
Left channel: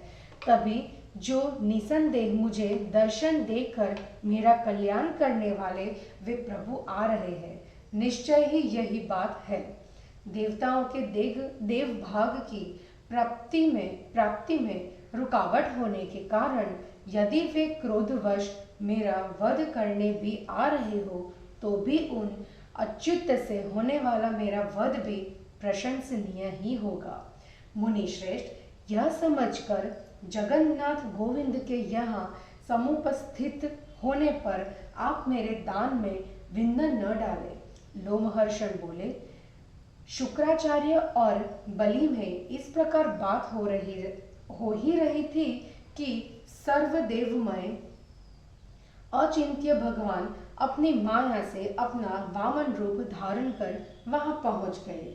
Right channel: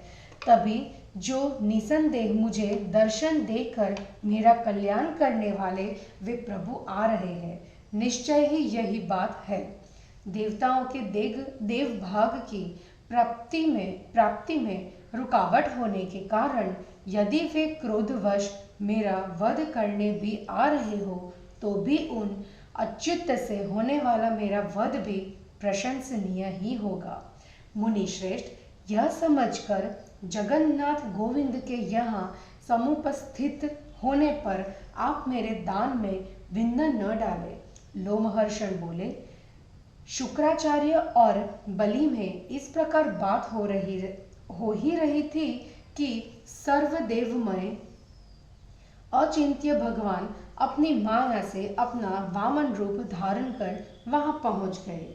तभी जो निसंदेह मुझे दर्शन देकर मेरा कल्याण करने वाले वे प्रभु आ रहे हैं। निश्चय ही यही बात है। देवताओं के देव भाग की प्राप्ति में रुकावट होने के कारण यदि वे क्रोधवश मेरा वध करने भी आ रहे हो, तो भी उन अच्युत से होने वाला मेरा वध भी प्रशंसनीय ही होगा। मुनि श्रेष्ठ, यह समझकर जगन्नाथ गोविंद के यहाँ समुपस्थित होने पर आप मेरे दान में विघ्न न डालें। लोमहर्षण बोले, शुक्राचार्य और बलि में इस प्रकार बात हो ही रही थी कि सर्वदेवमय अचिंत्य भगवान अपनी माया से अपना वामन रूप धारण कर वहां पहुंच गए।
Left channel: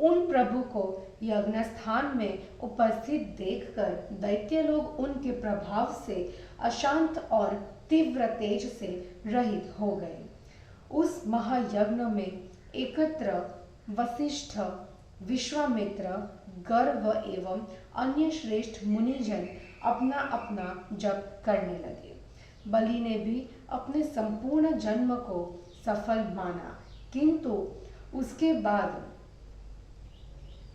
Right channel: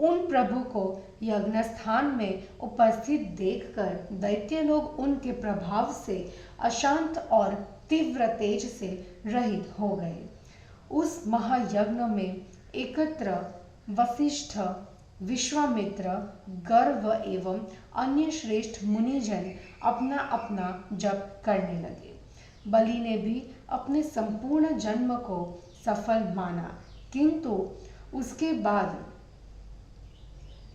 उन प्रभु को यज्ञ स्थान में उपस्थित देखकर दैत्य लोग उनके प्रभाव से अशांत और तीव्र तेज से रहित हो गए। उस महायज्ञ में एकत्र वशिष्ठ, विश्वामित्र, गर्व एवं अन्य श्रेष्ठ मुनिजन अपना अपना जप करने लगे। बलि ने भी अपने संपूर्ण जन्म को सफल माना, किंतु उसके बाद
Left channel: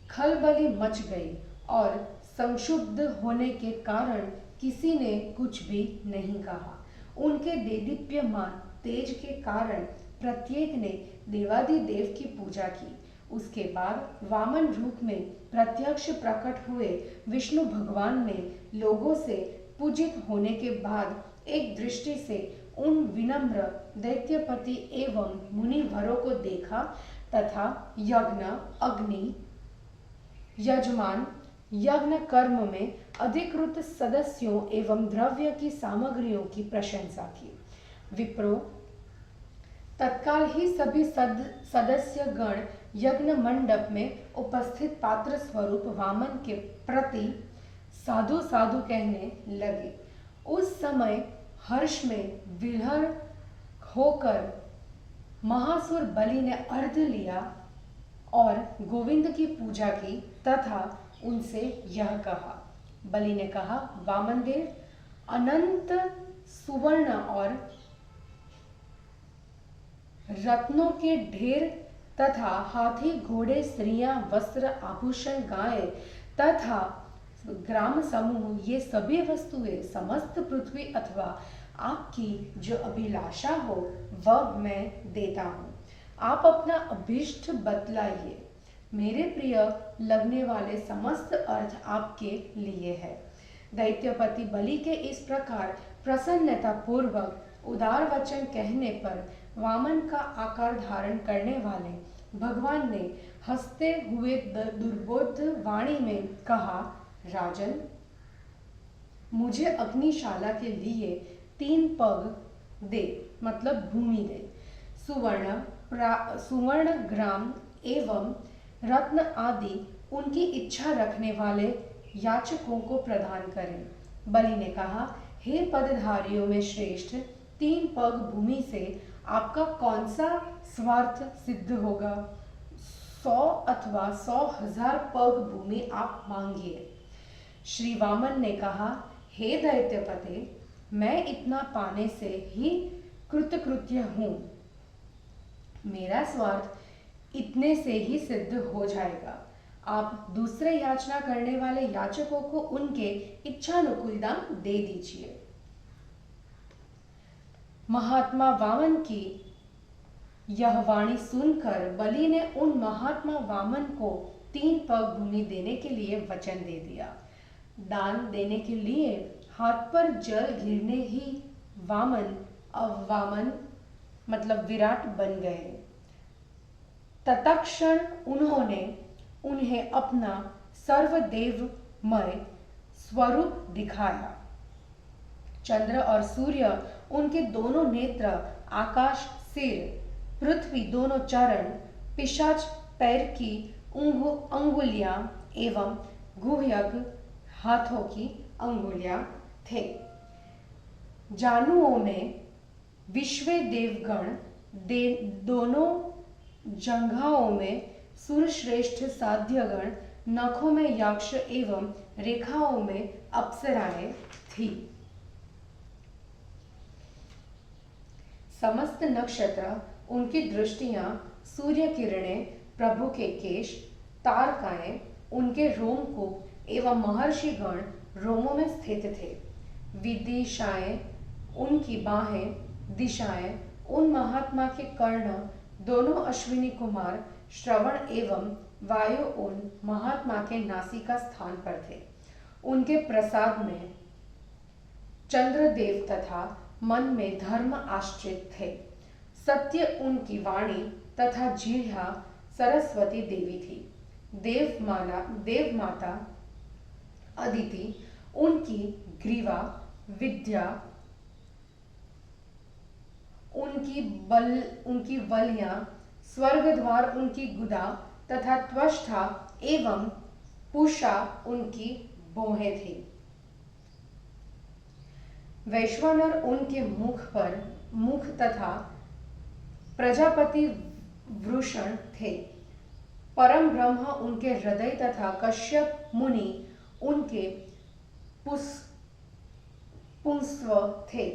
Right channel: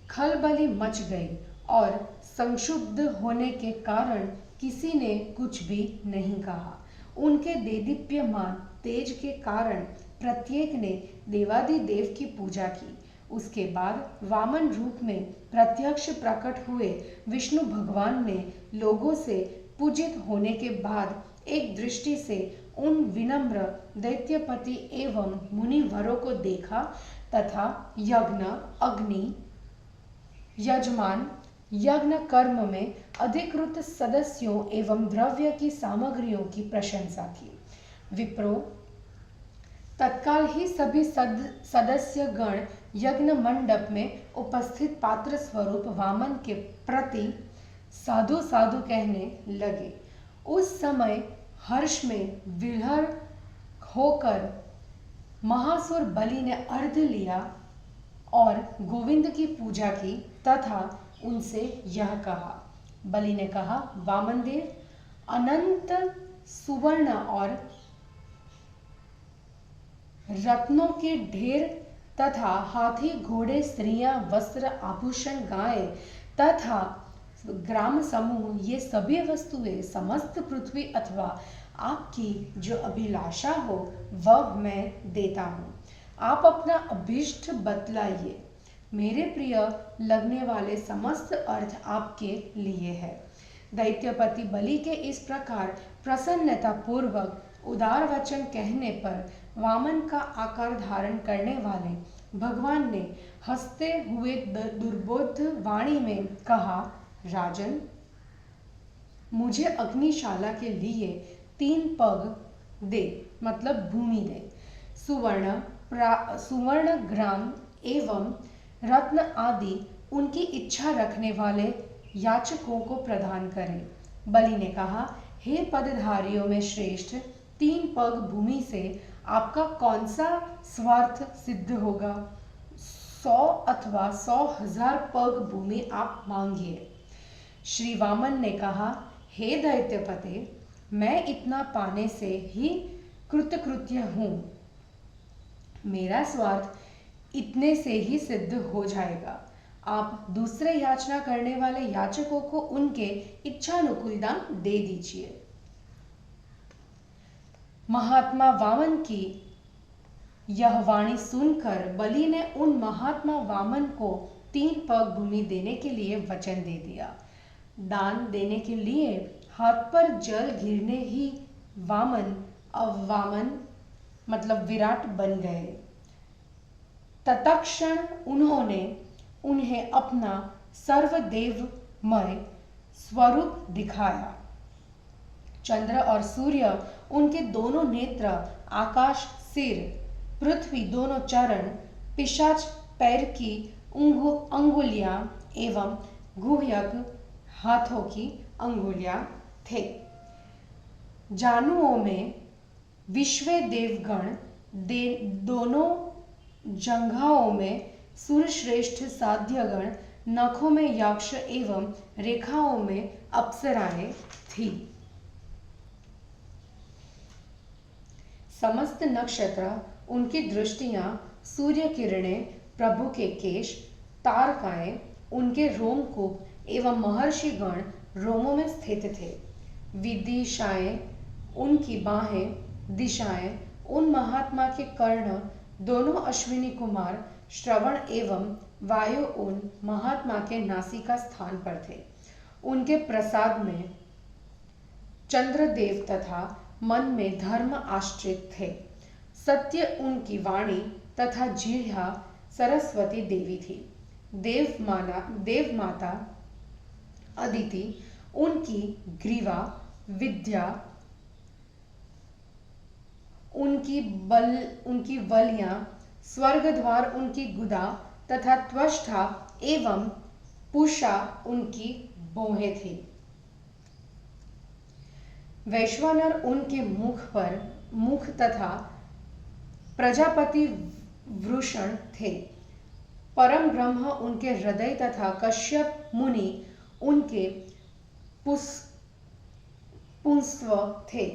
खलबली मच गई और संक्षुब्ध होने के कारण किसी ने कुछ भी नहीं कहा। उनके देदीप्यमान तेज के कारण प्रत्येक ने देवादिदेव की पूजा की। उसके बाद वामन रूप में प्रत्यक्ष प्रकट हुए विष्णु भगवान ने लोगों से पूजित होने के बाद एक दृष्टि से उन विनम्र दैत्यपति एवं मुनिवरों को देखा तथा यज्ञ, अग्नि, यजमान, यज्ञ कर्म में अधिकृत सदस्यों एवं द्रव्य की सामग्रियों की प्रशंसा की। विप्रो तत्काल ही सभी सदस्य गण यज्ञ मंडप में उपस्थित पात्र स्वरूप वामन के प्रति साधु साधु कहने लगे। उस समय हर्ष में विह्वल होकर महासुर बलि ने अर्घ्य लिया और गोविंद की पूजा की तथा उनसे यह कहा। बलि ने कहा, वामन देव, अनंत सुवर्ण और रत्नों के ढेर तथा हाथी, घोड़े, स्त्रियां, वस्त्र, आभूषण, गाय तथा ग्राम समूह, ये सभी वस्तुएं समस्त पृथ्वी अथवा आपकी जो अभिलाषा हो वह मैं देता हूँ। आप अपना अभीष्ट बतलाइए। मेरे प्रिय लगने वाले समस्त अर्थ आपके लिए है। दैत्यपति बलि के इस प्रकार प्रसन्नता पूर्वक उदार वचन कहने पर वामन का आकार धारण करने वाले भगवान ने हंसते हुए दुर्बोध वाणी में कहा, राजन, मुझे अग्निशाला के लिए 3 पग दे, मतलब भूमि दे, सुवर्ण ग्राम एवं रत्न आदि उनकी इच्छा रखने वाले याचकों को प्रदान करें। बलि ने कहा, हे पदधारियों में श्रेष्ठ, 3 पग भूमि से आपका कौन सा स्वार्थ सिद्ध होगा? 100 अथवा 100,000 पग भूमि आप मांगिए। श्री वामन ने कहा, हे दैत्यपते, मैं इतना पाने से ही कृतकृत्य हूँ। मेरा स्वार्थ इतने से ही सिद्ध हो जाएगा। आप दूसरे याचना करने वाले याचकों को उनके इच्छानुकूल दान दे दीजिए। महात्मा वामन की यह वाणी सुनकर बलि ने उन महात्मा वामन को 3 पग भूमि देने के लिए वचन दे दिया। दान देने के लिए हाथ पर जल गिरने ही वामन वामन मतलब विराट बन गए। तत्क्षण उन्होंने उन्हें अपना सर्वदेवमय स्वरूप दिखाया। चंद्र और सूर्य, उनके दोनों नेत्र, आकाश सिर, पृथ्वी दोनों चरण, पिशाच पैर की अंगुलियां एवं गुह्यक हाथों की अंगुलियां थे। जानुओं में विश्वे देवगण, दोनों जंघाओं में सुरश्रेष्ठ साध्यगण, नखों में यक्ष एवं रेखाओं में अप्सराएं थी। समस्त नक्षत्र, उनकी दृष्टियां, सूर्य किरणें, प्रभु के केश, तारकाएं, उनके रोमकूप एवं महर्षिगण रोमों में स्थित थे। विदिशाएं, उनकी बाहें, दिशाएं, उन महात्मा के कर्ण, दोनों अश्विनी कुमार, श्रवण एवं वायु उन महात्मा के नासिका स्थान पर थे। उनके प्रसाद में चंद्रदेव तथा मन में धर्म आश्रित थे। सत्य उनकी वाणी तथा जिह्वा सरस्वती देवी थी। देवमाता अदिति, उनकी ग्रीवा विद्या, उनकी बलियां, स्वर्ग द्वार उनकी गुदा तथा त्वष्टा एवं पूषा उनकी भौहें थी। वैश्वानर उनके मुख तथा प्रजापति वृषण थे। परम ब्रह्म उनके हृदय तथा कश्यप मुनि उनके पुंस्व थे।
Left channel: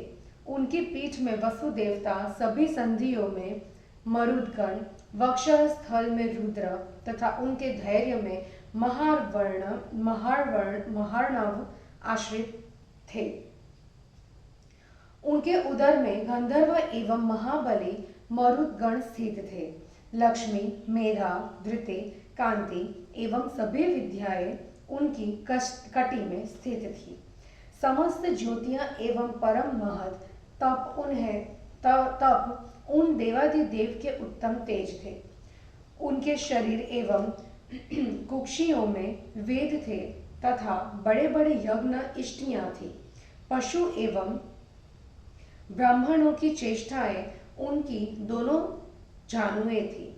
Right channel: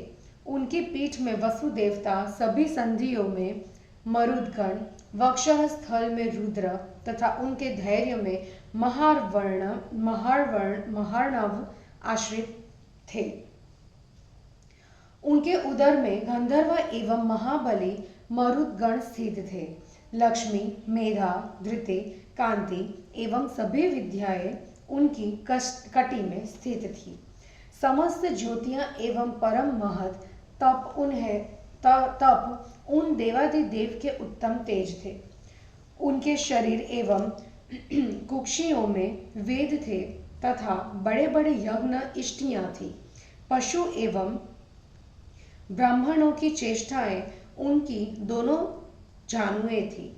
उनकी पीठ में वसुदेवता, सभी संधियों में मरुदगण, वक्षः स्थल में रुद्र तथा उनके धैर्य में महार्णव आश्रित थे। उनके उदर में गंधर्व एवं महाबली मरुदगण स्थित थे। लक्ष्मी, मेधा, धृति, कांति एवं सभी विद्याएं उनकी कटी में स्थित थी। समस्त ज्योतियां एवं परम महत तप उन देवादिदेव के उत्तम तेज थे। उनके शरीर एवं कुक्षियों में वेद थे तथा बड़े बड़े यज्ञ इष्टियां थी। पशु एवं ब्राह्मणों की चेष्टाएं उनकी दोनों जानुएं थी।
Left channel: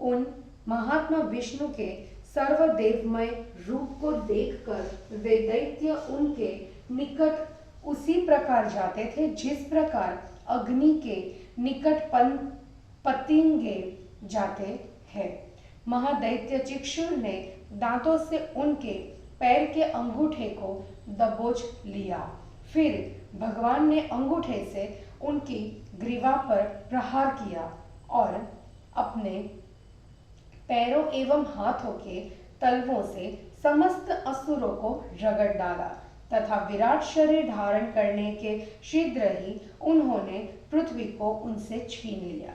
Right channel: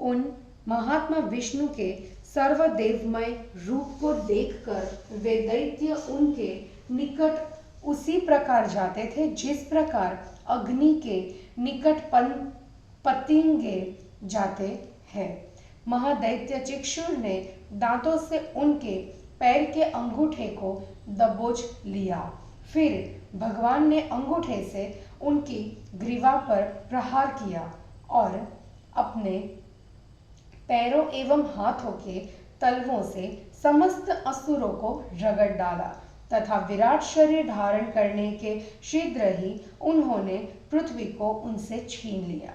उन महात्मा विष्णु के सर्वदेवमय रूप को देखकर वे दैत्य उनके निकट उसी प्रकार जाते थे जिस प्रकार अग्नि के निकट पतंगे जाते हैं। महादैत्य चिक्षुर ने दांतों से उनके पैर के अंगूठे को दबोच लिया। फिर भगवान ने अंगूठे से उनकी ग्रीवा पर प्रहार किया और अपने पैरों एवं हाथों के तलवों से समस्त असुरों को रगड़ डाला तथा विराट शरीर धारण करने के शीघ्र ही उन्होंने पृथ्वी को उनसे छीन लिया।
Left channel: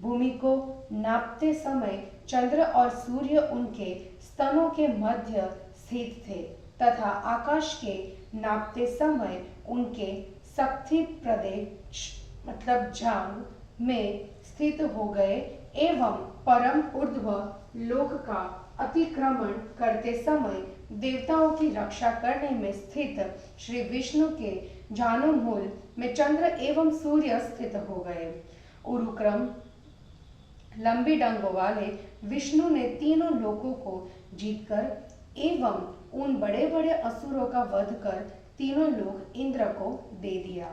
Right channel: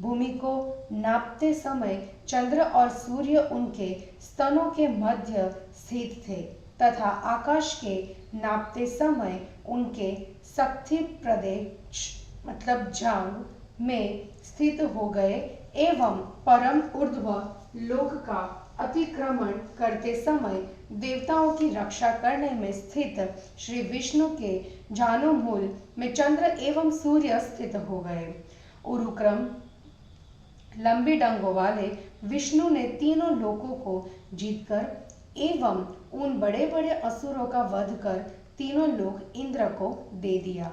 भूमि को नापते समय चंद्र और सूर्य उनके स्तनों के मध्य स्थित थे तथा आकाश के नापते समय उनके शक्ति प्रदेश मतलब जांग में स्थित हो गए एवं परम ऊर्ध्व लोक का अतिक्रमण करते समय देवताओं की रक्षा करने में स्थित श्री विष्णु के जानुमूल में चंद्र एवं सूर्य स्थित हो गए। उरुक्रम लंबी डंगों वाले विष्णु ने तीनों लोकों को जीतकर एवं उन बड़े बड़े असुरों का वध कर तीनों लोक इंद्र को दे दिया।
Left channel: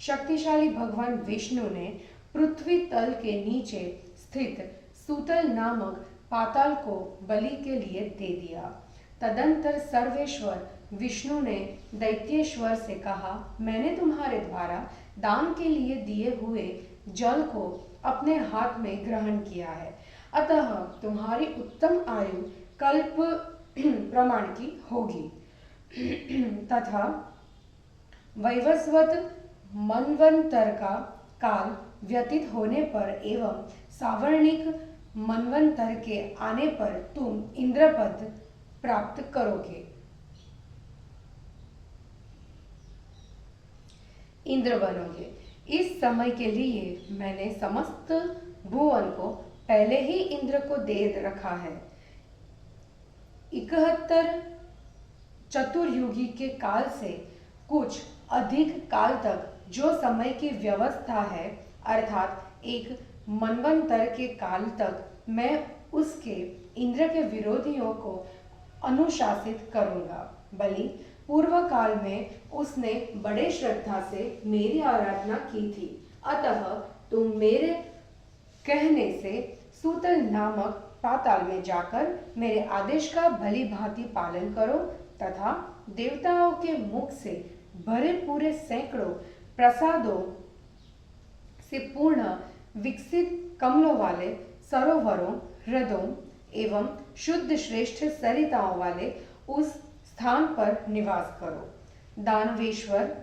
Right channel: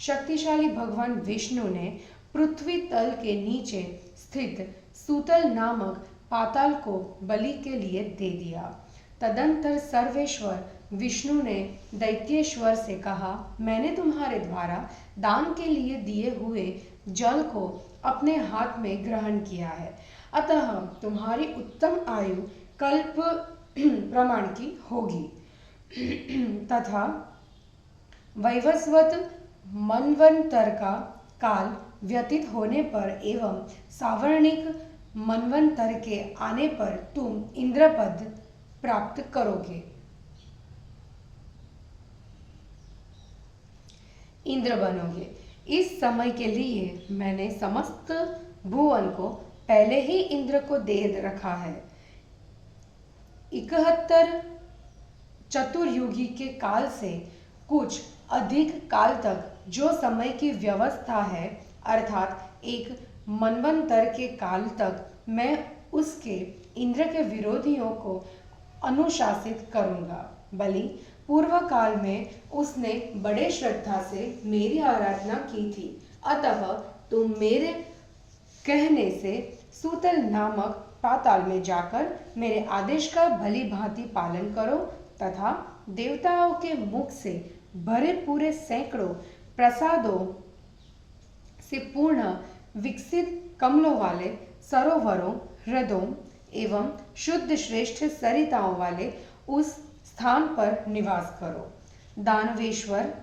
शक्तिशाली भगवान विष्णु ने पृथ्वी तल के नीचे स्थित सूतल नामक पाताल को बलि के लिए दे दिया। तदंतर सर्वेश्वर विष्णु ने दैत्येश्वर से कहा, मैंने तुम्हारे द्वारा दान के लिए दिए हुए जल को अपने हाथ में ग्रहण किया है, अतः तुम्हारी उत्तम आयु कल्प प्रमाण की होगी तथा वैवस्वत मनवंतर का काल व्यतीत होने पर एवं सावर्णिक मनवंतर के आने पर तुम इंद्रपद प्राप्त करोगे। इंद्र बनोगे। इस समय के लिए मैंने समस्त भुवन को पहले ही इंद्र को दे रखा है। 71 चतुर्युगी के काल से कुछ अधिक काल तक जो समय की व्यवस्था है, अर्थात एक मनवंतर के काल तक मैं उसके इंद्र के विरोधियों को अनुशासित करूंगा। बलि पूर्व काल में उसने बड़े श्रद्धा से मेरी आराधना की थी, अतः तुम मेरे कहने से सूतल नामक पाताल में जाकर मेरे आदेश का भली भांति पालन करो तथा देवताओं के मुख से भरे पूरे सैकड़ों प्रसादों से पूर्ण विकसित कमलों वाले सरोवरों, हृदयों एवं शुद्ध श्रेष्ठ सरिताओं वाले उस स्थान पर निवास करो। दानवेश्वर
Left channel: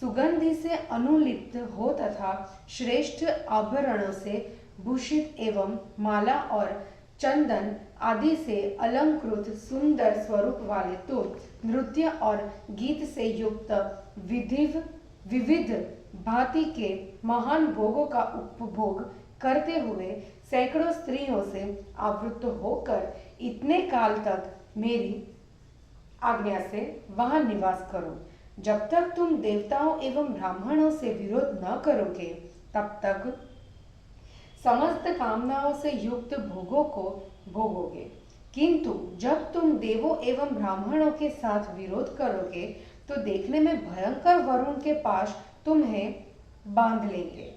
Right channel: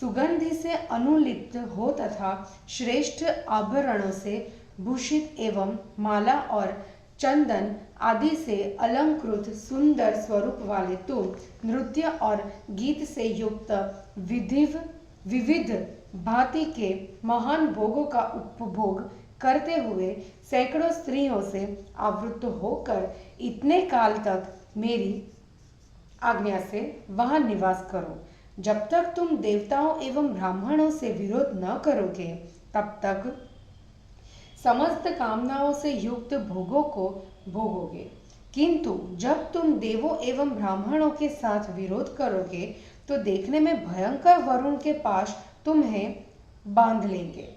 सुगंधि से अनुलिप्त हो तथा श्रेष्ठ आभरणों से भूषित एवं माला और चंदन आदि से अलंकृत सुंदर स्वरूप वाले तुम नृत्य और गीत से युक्त विविध भांति के महान भोगों का उपभोग करते हुए सैकड़ों स्त्रियों से आवृत होकर इतने काल तक मेरी आज्ञा से वहां निवास करो। जब तक तुम देवताओं एवं ब्राह्मणों से विरोध न करोगे, तब तक समस्त कामनाओं से युक्त भोगों को भोगोगे। किंतु जब तुम देवों एवं ब्राह्मणों के साथ विरोध करोगे तो देखने में भयंकर वरुण के पास तुम्हें बांध लेंगे।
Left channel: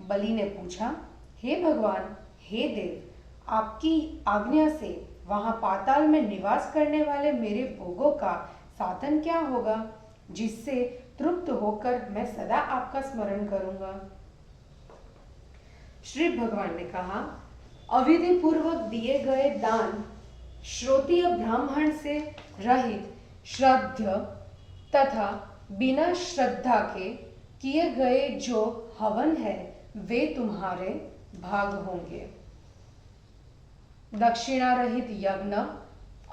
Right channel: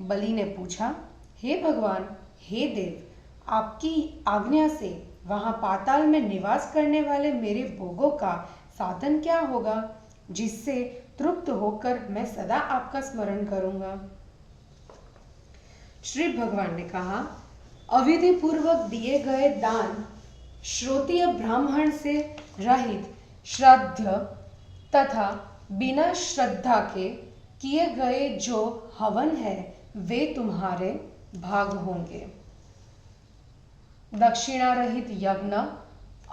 बलि ने पूछा, हे भगवान, हे देव, आपकी आज्ञा से वहां पाताल में निवास करने वाले मेरे भोगों का साधन क्या होगा, जिससे तृप्त होकर मैं सदा आपका स्मरण करूंगा। श्री भगवान ने कहा, अविधि पूर्वक दिए गए दान श्रोत्रिय ब्राह्मण से रहित श्राद्ध तथा बिना श्रद्धा के किए गए जो हवन है वे तुम्हारे भाग होंगे। दक्षिणा रहित यज्ञ,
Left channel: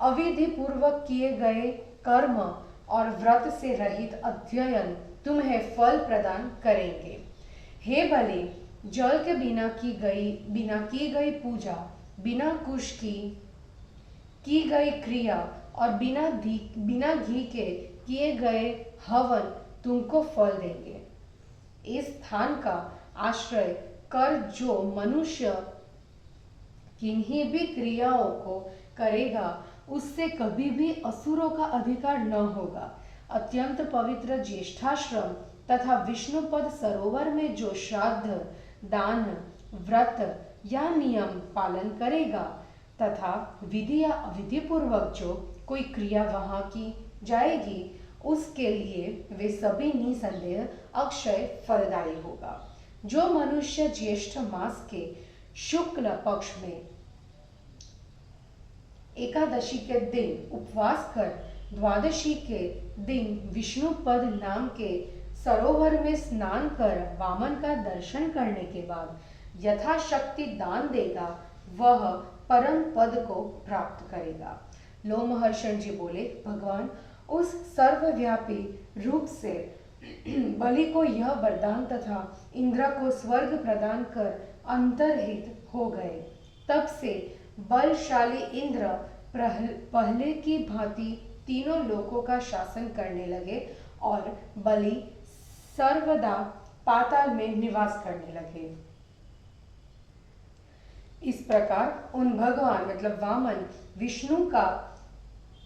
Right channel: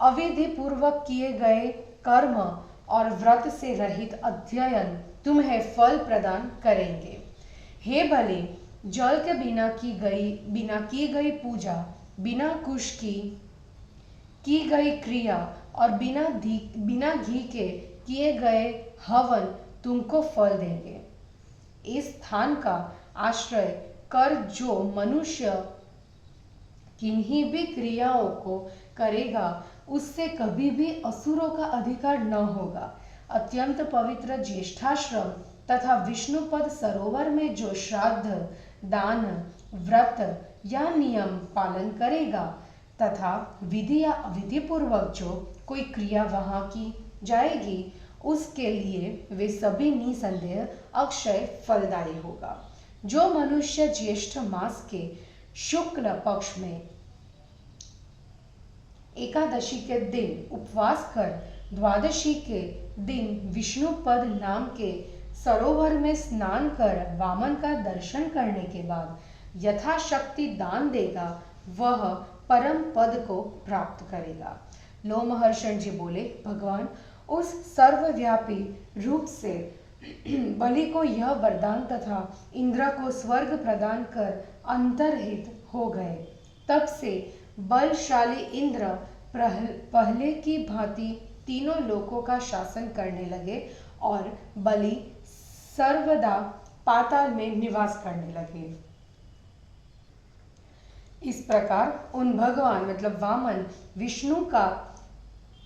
अविधि पूर्वक किए गए कर्म और व्रत से रहित अध्ययन तुम्हें फल प्रदान करेंगे। हे बलि, जल के बिना की गई पूजा, बिना कुश की गई क्रिया और बिना घी के किए गए हवन तुमको फल देंगे। इस स्थान का आश्रय कर जो मनुष्य किन्हीं भी क्रियाओं को करेगा उससे कभी भी असुरों का अधिकार न होगा। अत्यंत पवित्र ज्येष्ठाश्रम तथा विष्णुपद सरोवर में जो श्राद्ध, दान, व्रत या नियम पालन करेगा तथा विधि या अविधि पूर्वक जो कोई क्रिया वहां की जाएगी उसके लिए वे सभी निसंदेह अक्षय फलदायी होगा। जो मनुष्य ज्येष्ठ मास के शुक्ल पक्ष में एकादशी के दिन उपवास कर द्वादशी के दिन विष्णुपद नाम के सरोवर में स्नान कर वामन का दर्शन करने के बाद यथाशक्ति दान देगा वह परम पद को प्राप्त करेगा। लोमहर्षण जी बोले, भगवान उस सर्वव्यापी रूप से बलि को यह वरदान तथा इंद्र को स्वर्ग प्रदान कर अंतर्हित हो गए। तब से बलशाली इंद्र पहले की भांति तीनों लोकों का शासन करने लगे और बलि सर्वदा पाताल में निवास करने लगे। इस प्रकार उन भगवान मतलब वामन विष्णु का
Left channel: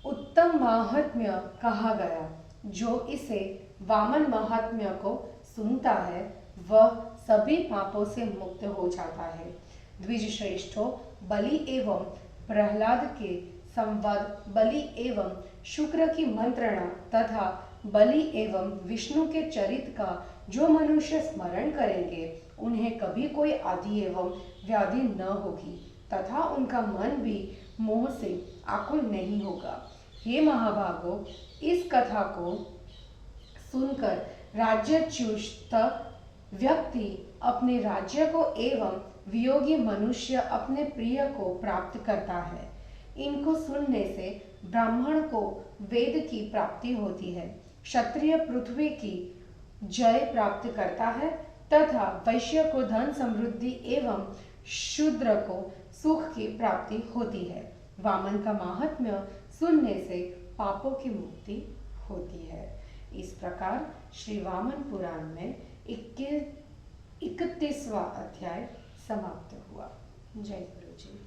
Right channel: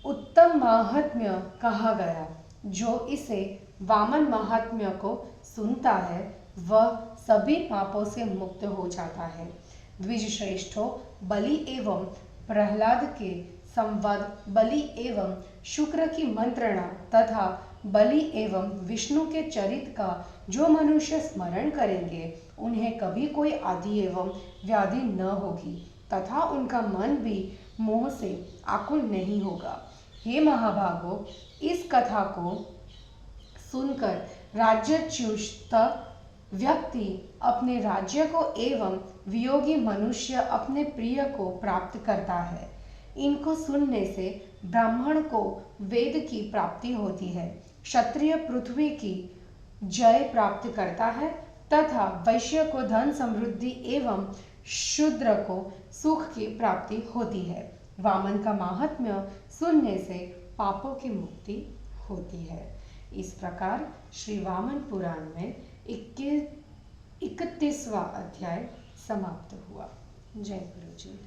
उत्तम महात्म्य कहा गया। जो इसे वामन महात्म्य को सुनता है वह सभी पापों से मुक्त हो जाता है। द्विज श्रेष्ठो, बलि एवं प्रहलाद के संवाद, बलि एवं शुक्र की मंत्रणा तथा बलि एवं विष्णु के चरित का जो मनुष्य स्मरण करेंगे उन्हें कभी कोई आदि एवं व्याधि न होगी तथा उनका मन भी मोह से आकुल नहीं होगा। हे महाभागो, इस कथा को सुनकर राज्यच्युत व्यक्ति अपने राज्य को एवं वियोगी मनुष्य अपने प्रिय को प्राप्त करता है। इनको सुनने से ब्राह्मण को वेद की प्राप्ति होती है, क्षत्रिय पृथ्वी की जय प्राप्त करता है तथा वैश्य को धन समृद्धि एवं शूद्र को सुख की प्राप्ति होती है। वामन का महात्म्य सुनने से पापों की मुक्ति होती है। इस प्रकार श्री वामन पुराण में 31वां अध्याय समाप्त हुआ। जय गुरु जी।